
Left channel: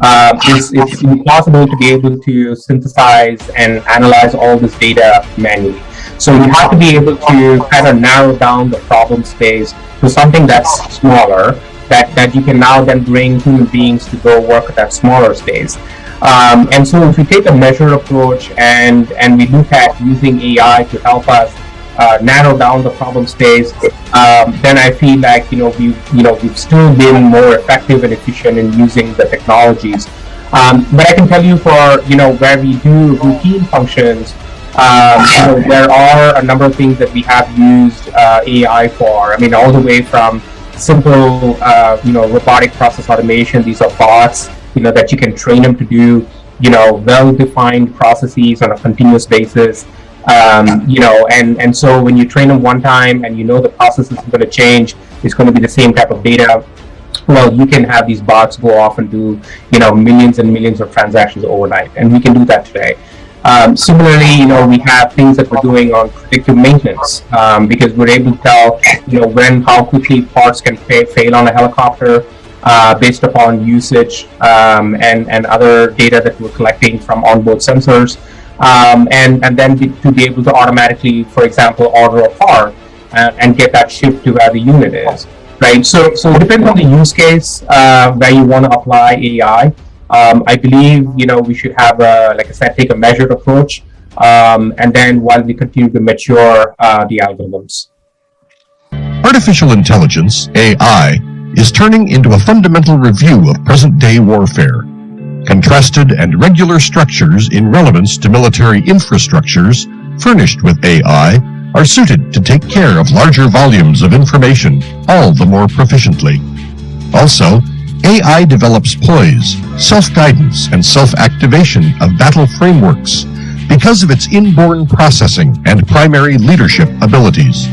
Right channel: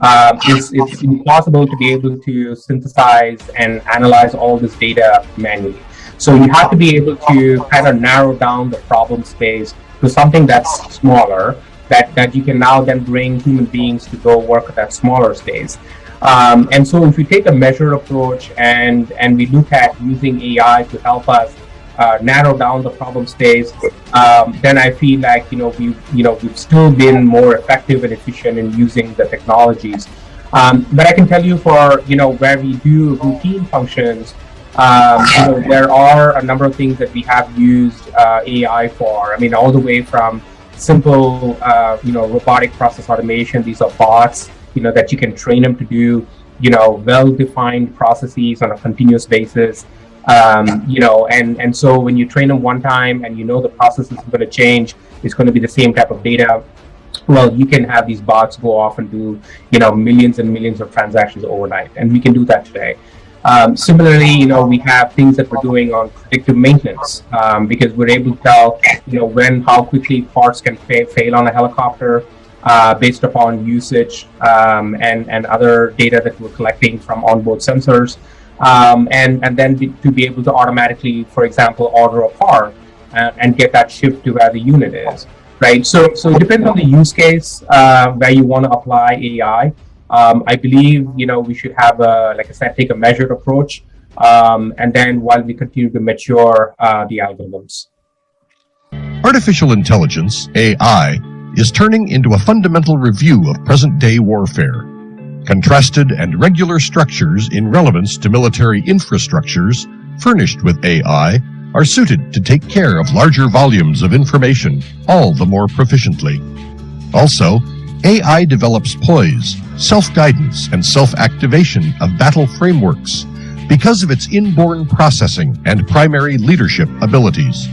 it's impossible to be able to synthesize and analyze all this data manually. So you have to be able to kind of narrow down the problem space to something that's smaller, that you can now then bring human beings to go work at that smaller space. And so if we take a measured approach and we look at using AI to help us narrow down the problem space, then I feel like we've still been more effective and efficient in using the technologies. But I can tell you for where we do routine functions, there are a number of things that we have used AI for. I mean, all the way from simple robotic process automation. These are bots that you can train them to do well-defined processes on a continuous basis. And so when you train them one time and the process isn't going to change, it's going to be the same type of data. Well, you can have these bots go off and do millions and millions of transactions overnight, and we can do that today. Similarly, we have things that we're doing on predictive maintenance because we're able to tell how quickly parts can fail on a helicopter based upon usage and other data that we're collecting from onboard sensors. And then to be able to automatically, for example, order a part and get that shipped to where the unit is, right? So it depends on the use case where you want to apply AI. I believe we should have, like I said, take a measured approach, and then while we continue to mature the algorithms. Artificial intelligence, AI, is turning into a fundamental review of present-day warfare. Contrasted and regular structures in relevance to military infrastructures furnished with AI are suited to take care of larger volumes of information all the more proficiently. Also, AI develops poise, self-guidance, and self-activation of battle frameworks because of its inborn processing and primary leadership abilities.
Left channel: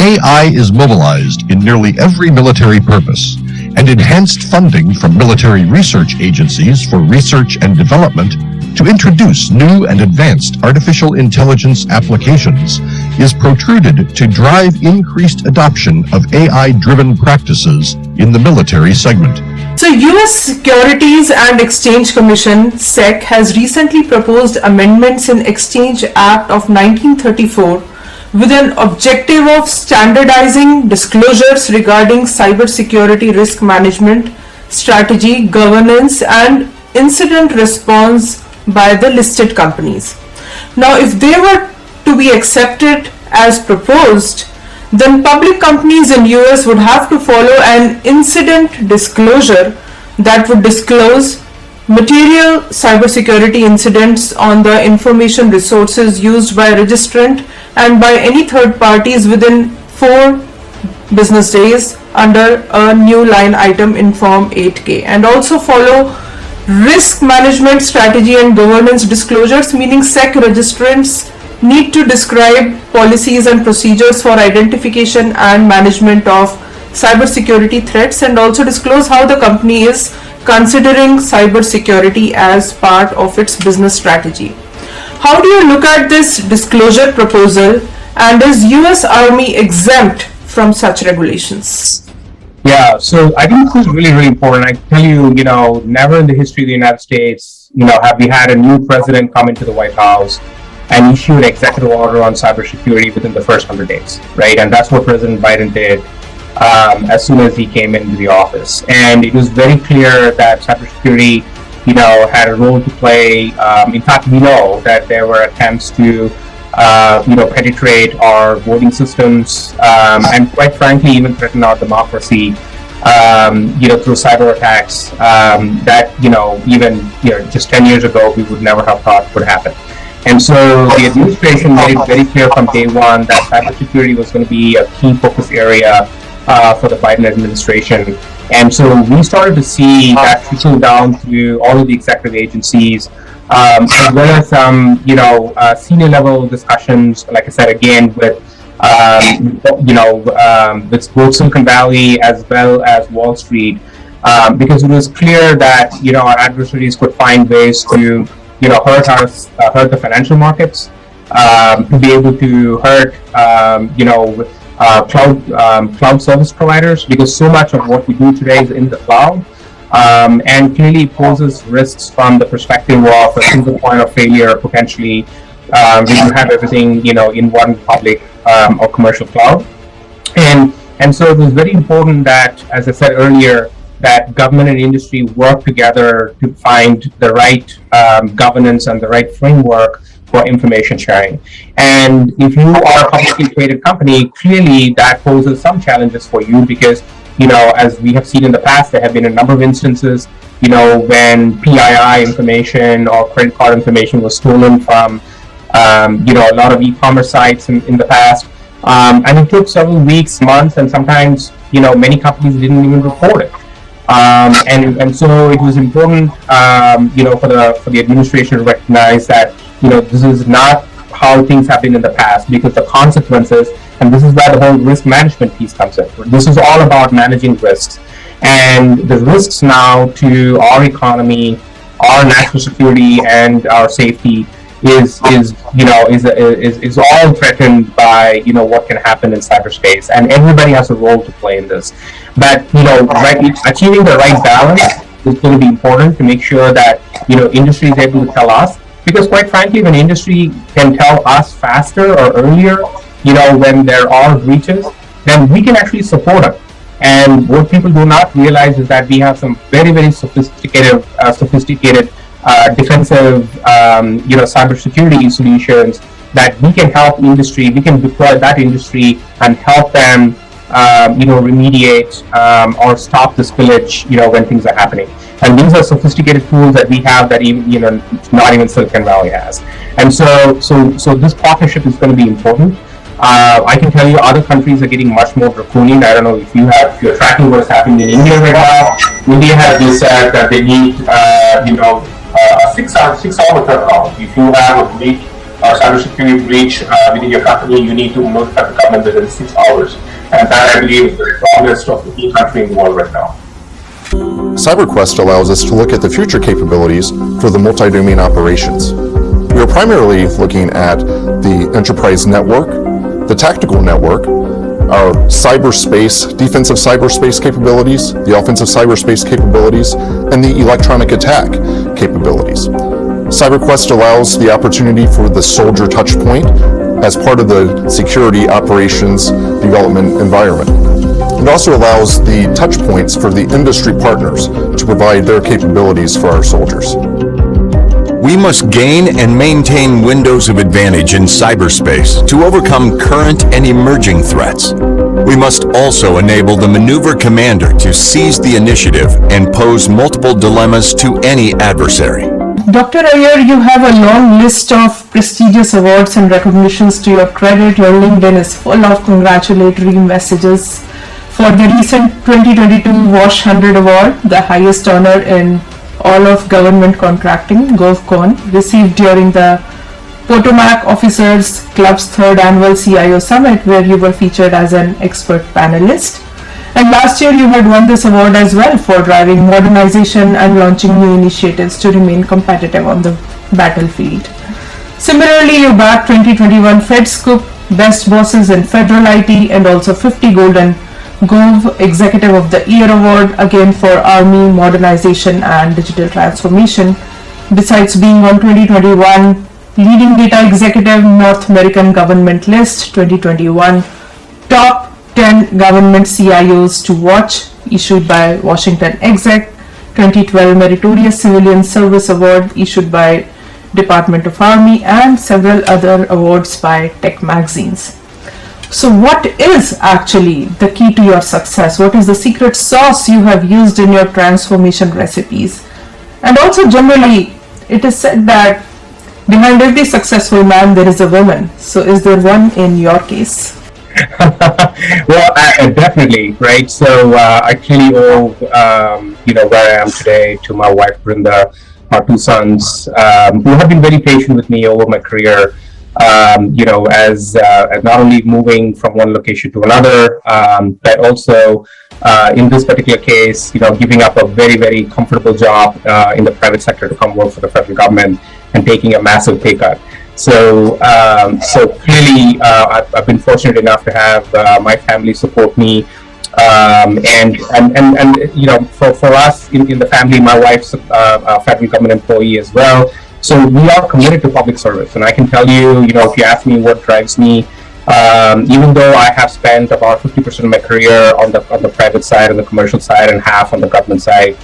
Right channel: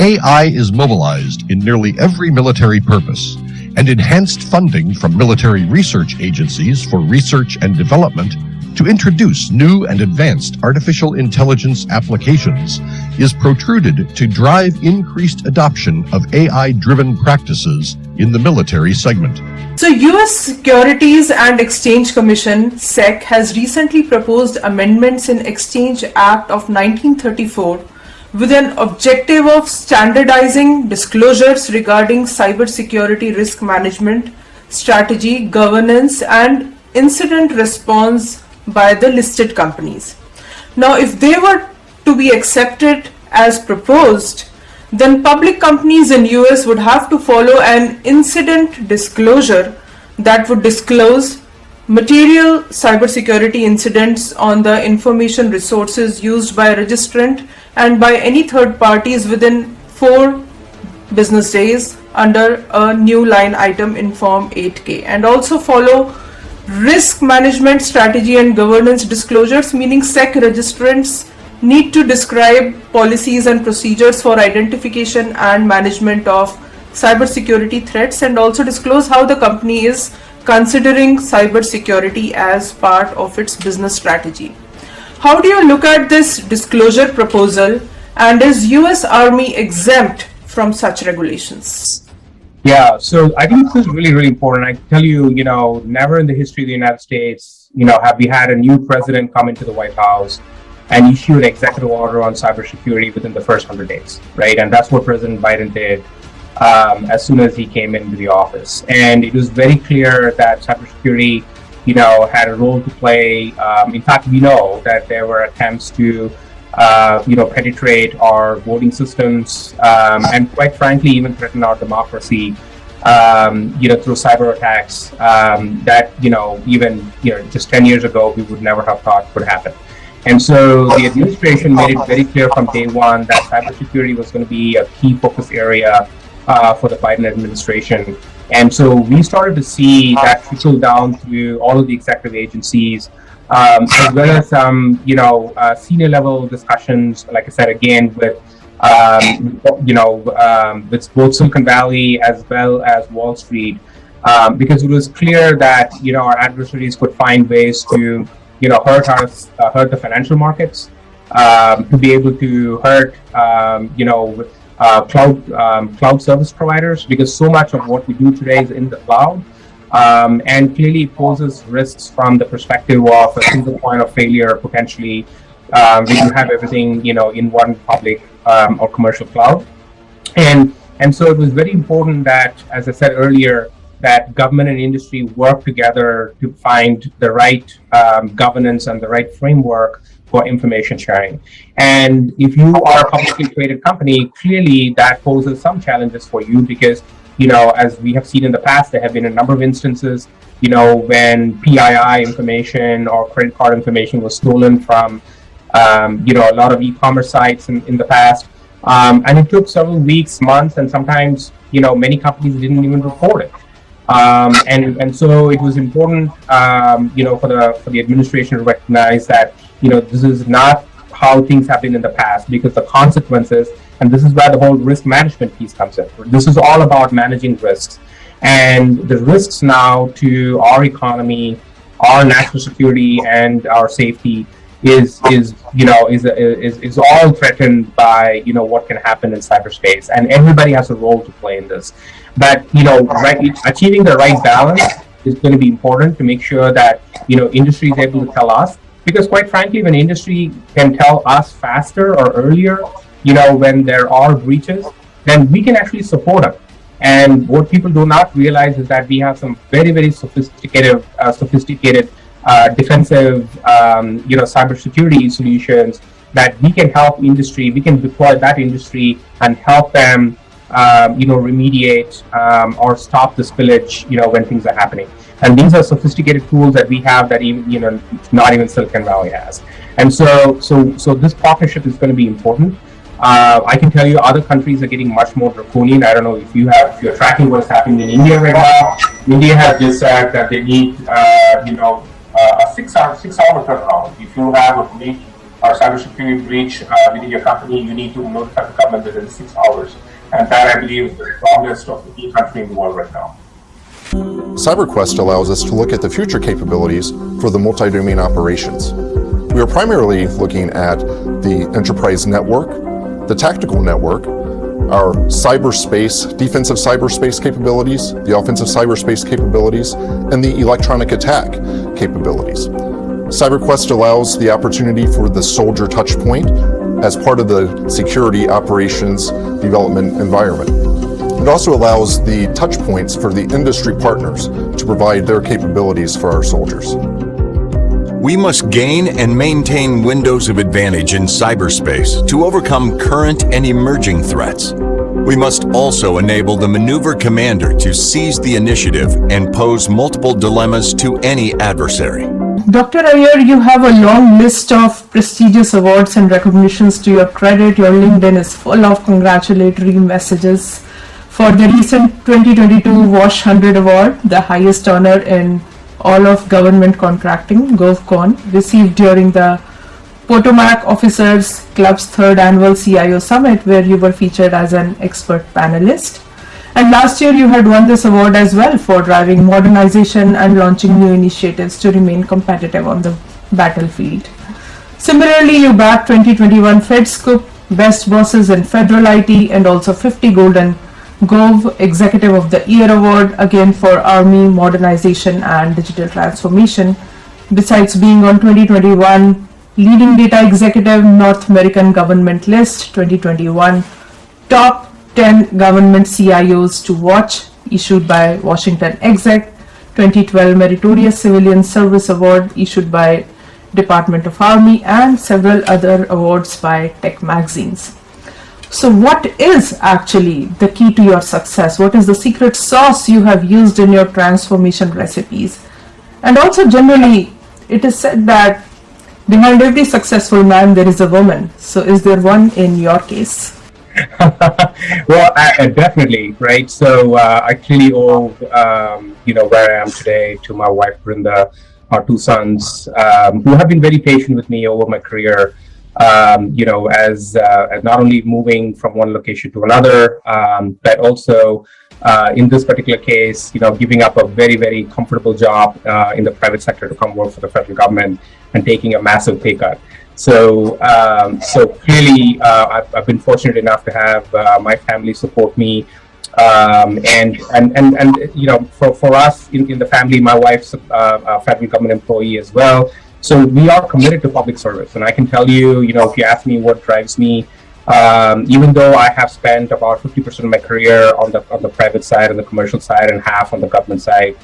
AI is mobilized in nearly every military purpose, and enhanced funding from military research agencies for research and development to introduce new and advanced artificial intelligence applications is protruded to drive increased adoption of AI-driven practices in the military segment. So, US Securities and Exchange Commission (SEC) has recently proposed amendments in Exchange Act of 1934 with an objective of standardizing disclosures regarding cybersecurity risk management, strategy, governance, and incident response by the listed companies. Now, if they were to be accepted as proposed, then public companies in US would have to follow an incident disclosure that would disclose material cybersecurity incidents on the information resources used by a registrant and by any third parties within 4 business days under a new line item in Form 8K, and also follow risk management strategy and governance disclosures, meaning SEC registrants need to describe policies and procedures for identification and management of cybersecurity threats, and also disclose how the company is considering cybersecurity as part of its business strategy. How do you look at this disclosure proposal, and is US Army exempt from such regulations? Yeah, so I think this is really, really important. I tell you, never in the history of the United States, have we had a new president come into the White House and issue an executive order on cybersecurity within the first 100 days, right? And that's what President Biden did as soon as he came into the office. And it was very clear that cybersecurity, had a role to play. In fact, we know that there were attempts to, penetrate our voting systems, and quite frankly, even threaten our democracy, through cyber attacks that, even, just 10 years ago, we would never have thought would happen. And so the administration made it very clear from day one that cybersecurity was going to be a key focus area for the Biden administration. And so we started to see that trickle down through all of the executive agencies, as well as some, senior level discussions, like I said, again, with, with both Silicon Valley as well as Wall Street, because it was clear that, our adversaries could find ways to, hurt the financial markets, to be able to hurt, cloud service providers, because so much of what we do today is in the cloud, and clearly poses risks from the perspective of a single point of failure potentially. We do have everything, in one public or commercial cloud, and so it was very important that, as I said earlier, that government and industry work together to find the right governance and the right framework for information sharing. And if you are a publicly traded company, clearly that poses some challenges for you because, as we have seen in the past, there have been a number of instances, when PII information or credit card information was stolen from, a lot of e-commerce sites in the past. And it took several weeks, months, and sometimes, many companies didn't even report it. And so it was important, for the administration to recognize that, this is not how things have been in the past, because the consequences, and this is where the whole risk management piece comes in. This is all about managing risks, and the risks now to our economy, our national security, and our safety is all threatened by what can happen in cyberspace, and everybody has a role to play in this. But achieving the right balance is going to be important to make sure that industry is able to tell us, because quite frankly, when industry can tell us faster or earlier, when there are breaches, then we can actually support it. And what people do not realize is that we have some very, very sophisticated defensive, cybersecurity solutions that we can help industry. We can deploy that industry and help them, remediate or stop the spillage, when things are happening. And these are sophisticated tools that we have that even, not even Silicon Valley has. And so this partnership is going to be important. I can tell you other countries are getting much more draconian. I don't know if you're tracking what's happening in India right now. India has just said that they need, a 6-hour turnaround. If you have a breach, cybersecurity breach within your company, you need to notify the government within 6 hours. And that, I believe, is the strongest of the country in the world right now. CyberQuest allows us to look at the future capabilities for the multi-domain operations. We are primarily looking at the enterprise network, the tactical network, our cyberspace, defensive cyberspace capabilities, the offensive cyberspace capabilities, and the electronic attack capabilities. CyberQuest allows the opportunity for the soldier touch point as part of the security operations development environment. It also allows the touch points for the industry partners to provide their capabilities for our soldiers. We must gain and maintain windows of advantage in cyberspace to overcome current and emerging threats. We must also enable the maneuver commander to seize the initiative and pose multiple dilemmas to any adversary. Dr. Iyer, you have a long list of prestigious awards and recognitions to your credit. Your LinkedIn is full of congratulatory messages for the recent 2022 WASH 100 Award, the highest honor in all of government contracting, GovCon, received during the Potomac Officers Club's 3rd Annual CIO Summit, where you were featured as an expert panelist. And last year you had won this award as well for driving modernization and launching new initiatives to remain competitive on the battlefield. Similarly, you bagged 2021 FedScoop Best Bosses in Federal IT and also 50 Golden Gov Executive of the Year Award, again for Army modernization and digital transformation. Besides being on 2021 Leading Data Executive North American Government List 2021 Top 10 Government CIOs to Watch issued by Washington Exec, 2012 Meritorious Civilian Service Award issued by Department of Army, and several other awards by tech magazines. So what is actually the key to your success? What is the secret sauce you have used in your transformation recipes? And also generally, it is said that behind every successful man there is a woman. So is there one in your case? Well, definitely, right? So I clearly owe, where I am today to my wife, Brinda, our 2 sons, who have been very patient with me over my career. As not only moving from one location to another, but also in this particular case, giving up a very, very comfortable job in the private sector to come work for the federal government and taking a massive pay cut. So clearly, I've been fortunate enough to have my family support me, and for us in the family, my wife's a federal government employee as well. So we are committed to public service, and I can tell you, if you ask me what drives me, even though I have spent about 50% of my career on the private side, on the commercial side, and half on the government side,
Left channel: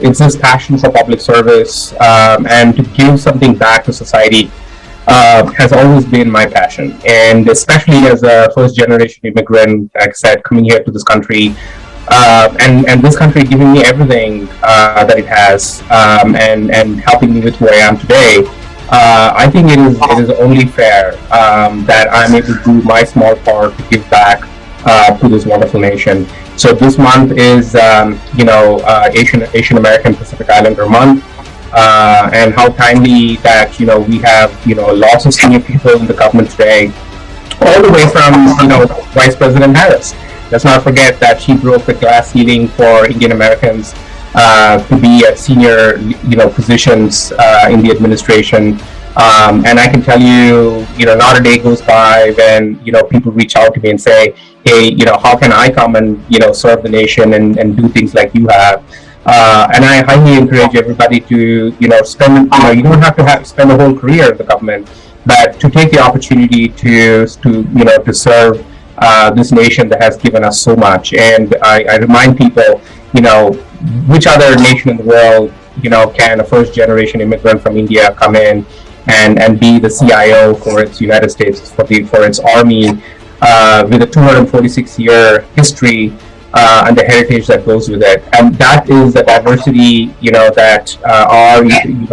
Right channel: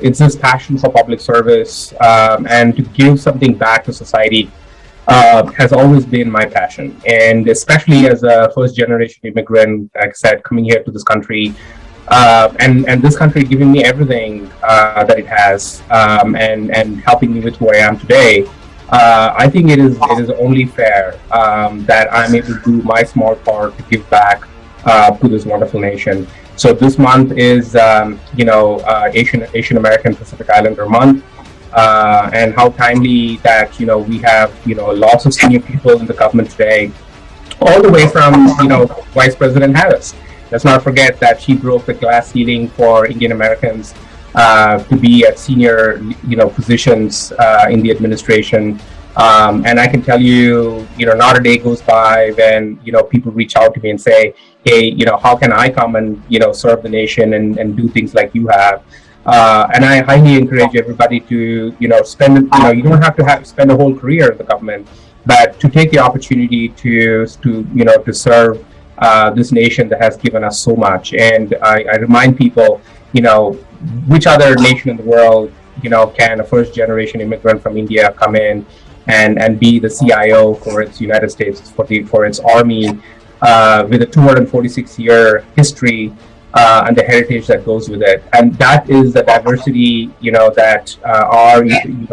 it's this passion for public service and to give something back to society has always been my passion. And especially as a first-generation immigrant, like I said, coming here to this country, and this country giving me everything that it has, and helping me with who I am today, I think it is only fair that I'm able to do my small part to give back to this wonderful nation. So this month is Asian American Pacific Islander Month, and how timely that we have lots of senior people in the government today, all the way from Vice President Harris. Let's not forget that she broke the glass ceiling for Indian Americans to be at senior, positions in the administration. And I can tell you, not a day goes by when people reach out to me and say, "Hey, how can I come and serve the nation and do things like you have?" And I highly encourage everybody to spend. You don't have to spend a whole career in the government, but to take the opportunity to serve this nation that has given us so much. And I remind people, which other nation in the world, can a first generation immigrant from India come in and be the CIO for its United States, for its army, with a 246-year history and the heritage that goes with it. And that is the diversity, that our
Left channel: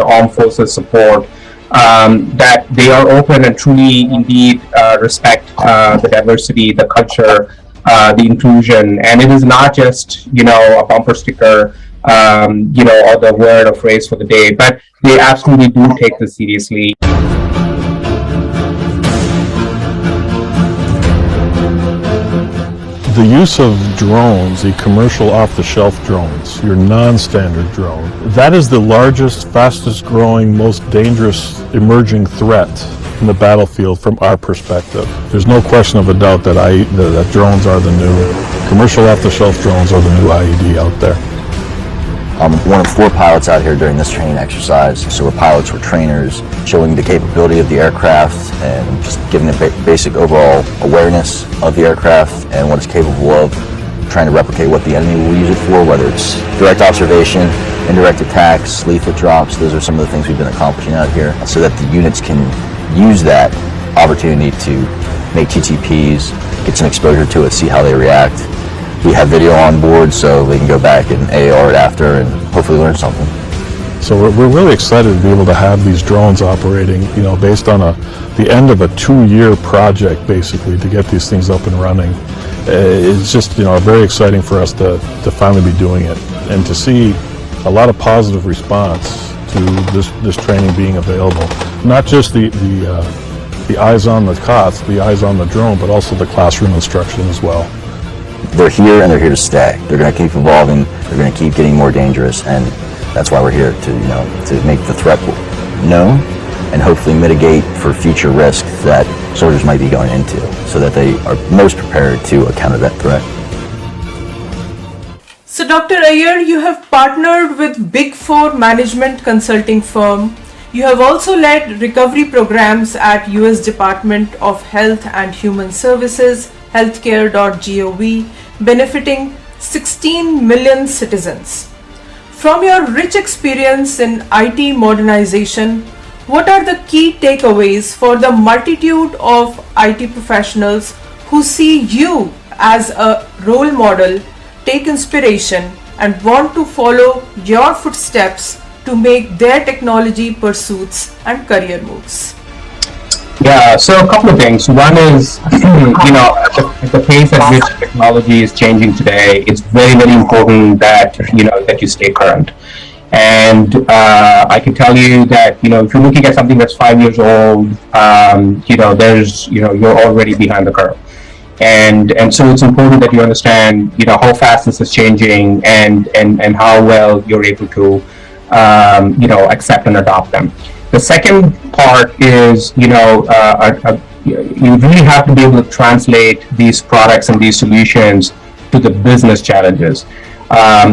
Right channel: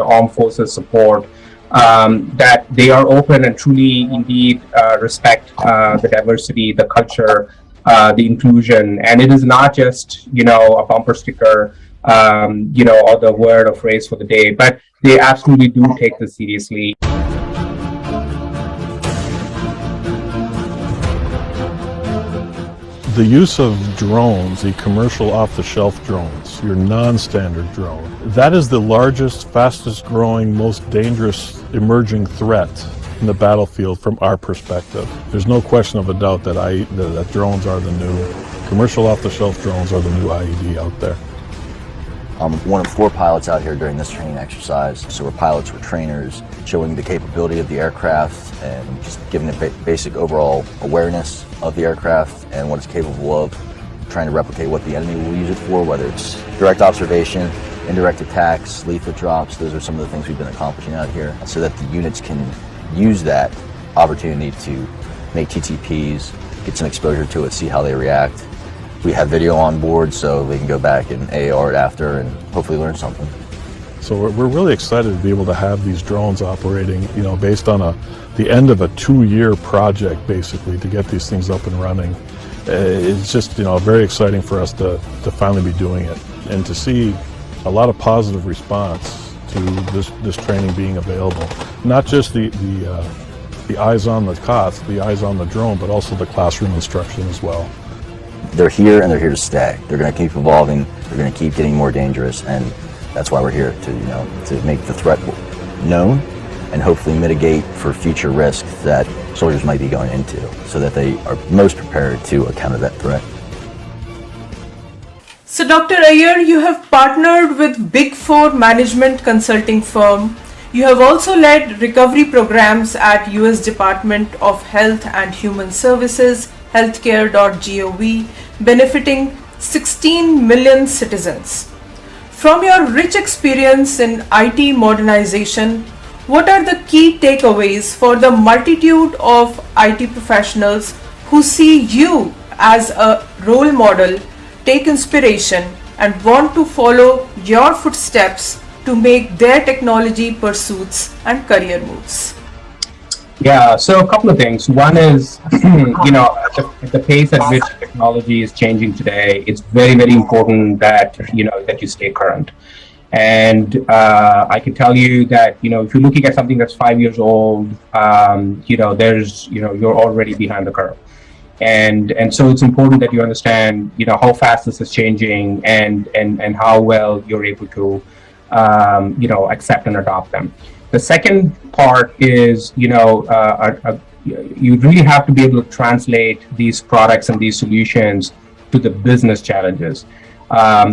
armed forces support. That they are open and truly, indeed, respect the diversity, the culture, the inclusion, and it is not just a bumper sticker, or the word or phrase for the day, but they absolutely do take this seriously. The use of drones, the commercial off-the-shelf drones, your non-standard drone, that is the largest, fastest growing, most dangerous emerging threat in the battlefield from our perspective. There's no question of a doubt that drones are the new, commercial off-the-shelf drones are the new IED out there. I'm one of 4 pilots out here during this training exercise. So we're pilots, we're trainers, showing the capability of the aircraft and just giving a basic overall awareness of the aircraft and what it's capable of, trying to replicate what the enemy will use it for, whether it's direct observation, indirect attacks, leaflet drops. Those are some of the things we've been accomplishing out here so that the units can use that opportunity to make TTPs, get some exposure to it, see how they react. We have video on board so they can go back and AR it after and hopefully learn something. So we're really excited to be able to have these drones operating, based on the end of a 2-year project, basically, to get these things up and running. It's just, very exciting for us to finally be doing it and to see a lot of positive response to this training being available. Not just the eyes on the COTS, the eyes on the drone, but also the classroom instruction as well. They're here and they're here to stay. They're going to keep evolving. They're going to keep getting more dangerous, and that's why we're here to make the threat known and hopefully mitigate for future risk that soldiers might be going into, so that they are most prepared to counter that threat. So, Dr. Iyer, you have partnered with Big Four management consulting firm. You have also led recovery programs at US Department of Health and Human Services, healthcare.gov, benefiting 16 million citizens. From your rich experience in IT modernization, what are the key takeaways for the multitude of IT professionals who see you as a role model, take inspiration, and want to follow your footsteps to make their technology pursuits and career moves? Yeah, so a couple of things. One is, at the pace at which technology is changing today, it's very, very important that, that you stay current. And I can tell you that, if you're looking at something that's 5 years old, you're already behind the curve. And so it's important that you understand, how fast this is changing and how well you're able to, accept and adopt them. The second part is, you really have to be able to translate these products and these solutions to the business challenges.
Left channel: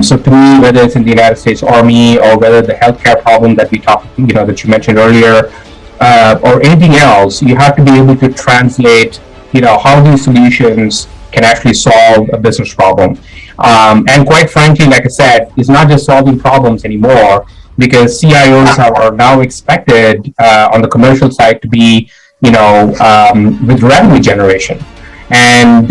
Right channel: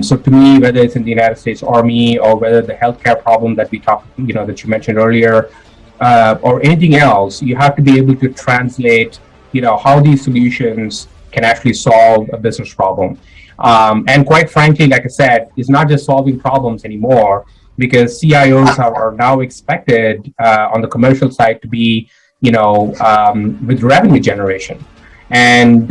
So to me, whether it's in the United States Army or whether the healthcare problem that that you mentioned earlier, or anything else, you have to be able to translate, how these solutions can actually solve a business problem. And quite frankly, like I said, it's not just solving problems anymore, because CIOs are now expected on the commercial side to be, with revenue generation, and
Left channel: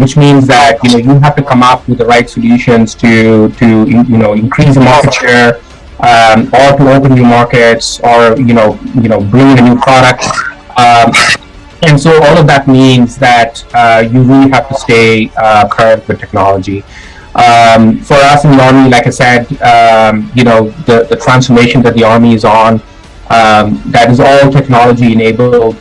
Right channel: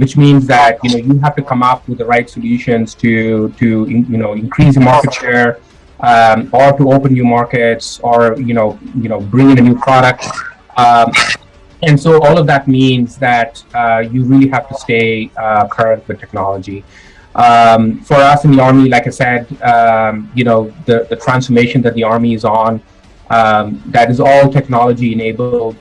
which means that you have to come up with the right solutions to increase the market share, or to open new markets, or bring in a new product. And so all of that means that you really have to stay current with technology. For us in the Army, like I said, the transformation that the Army is on, that is all technology enabled.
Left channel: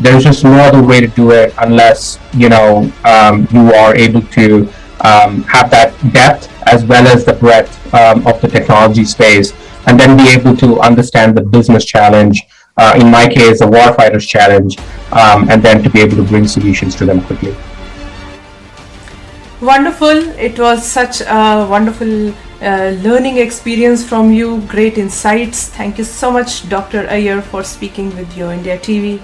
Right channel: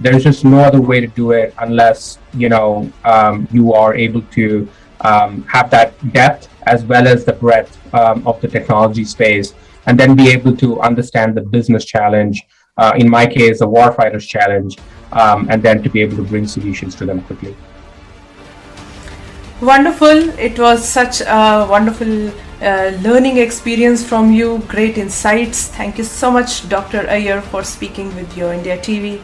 There's just no other way to do it unless, you are able to have that depth as well as the breadth of the technology space, and then be able to understand the business challenge, in my case, the warfighter's challenge, and then to be able to bring solutions to them quickly. Wonderful. It was such a wonderful learning experience from you. Great insights. Thank you so much, Dr. Iyer, for speaking with Your India TV.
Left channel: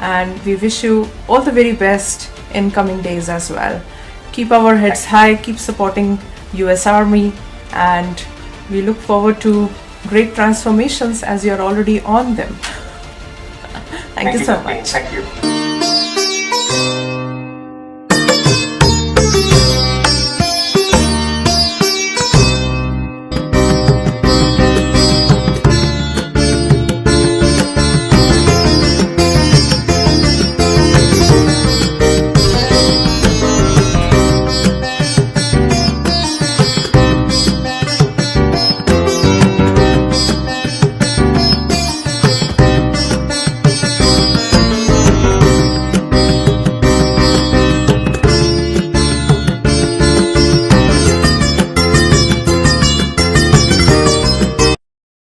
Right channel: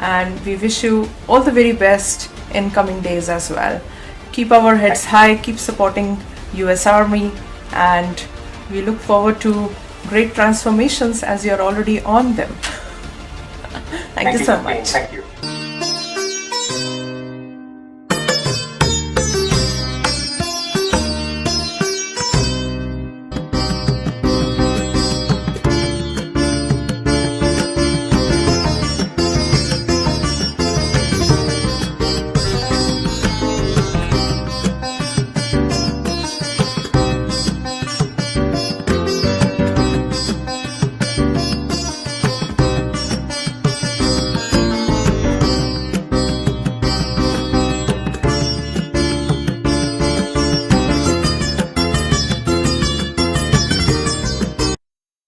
And we wish you all the very best in coming days as well. Keep our heads high, keep supporting US Army, and we look forward to great transformations as you're already on them. Thank you so much. Thank you.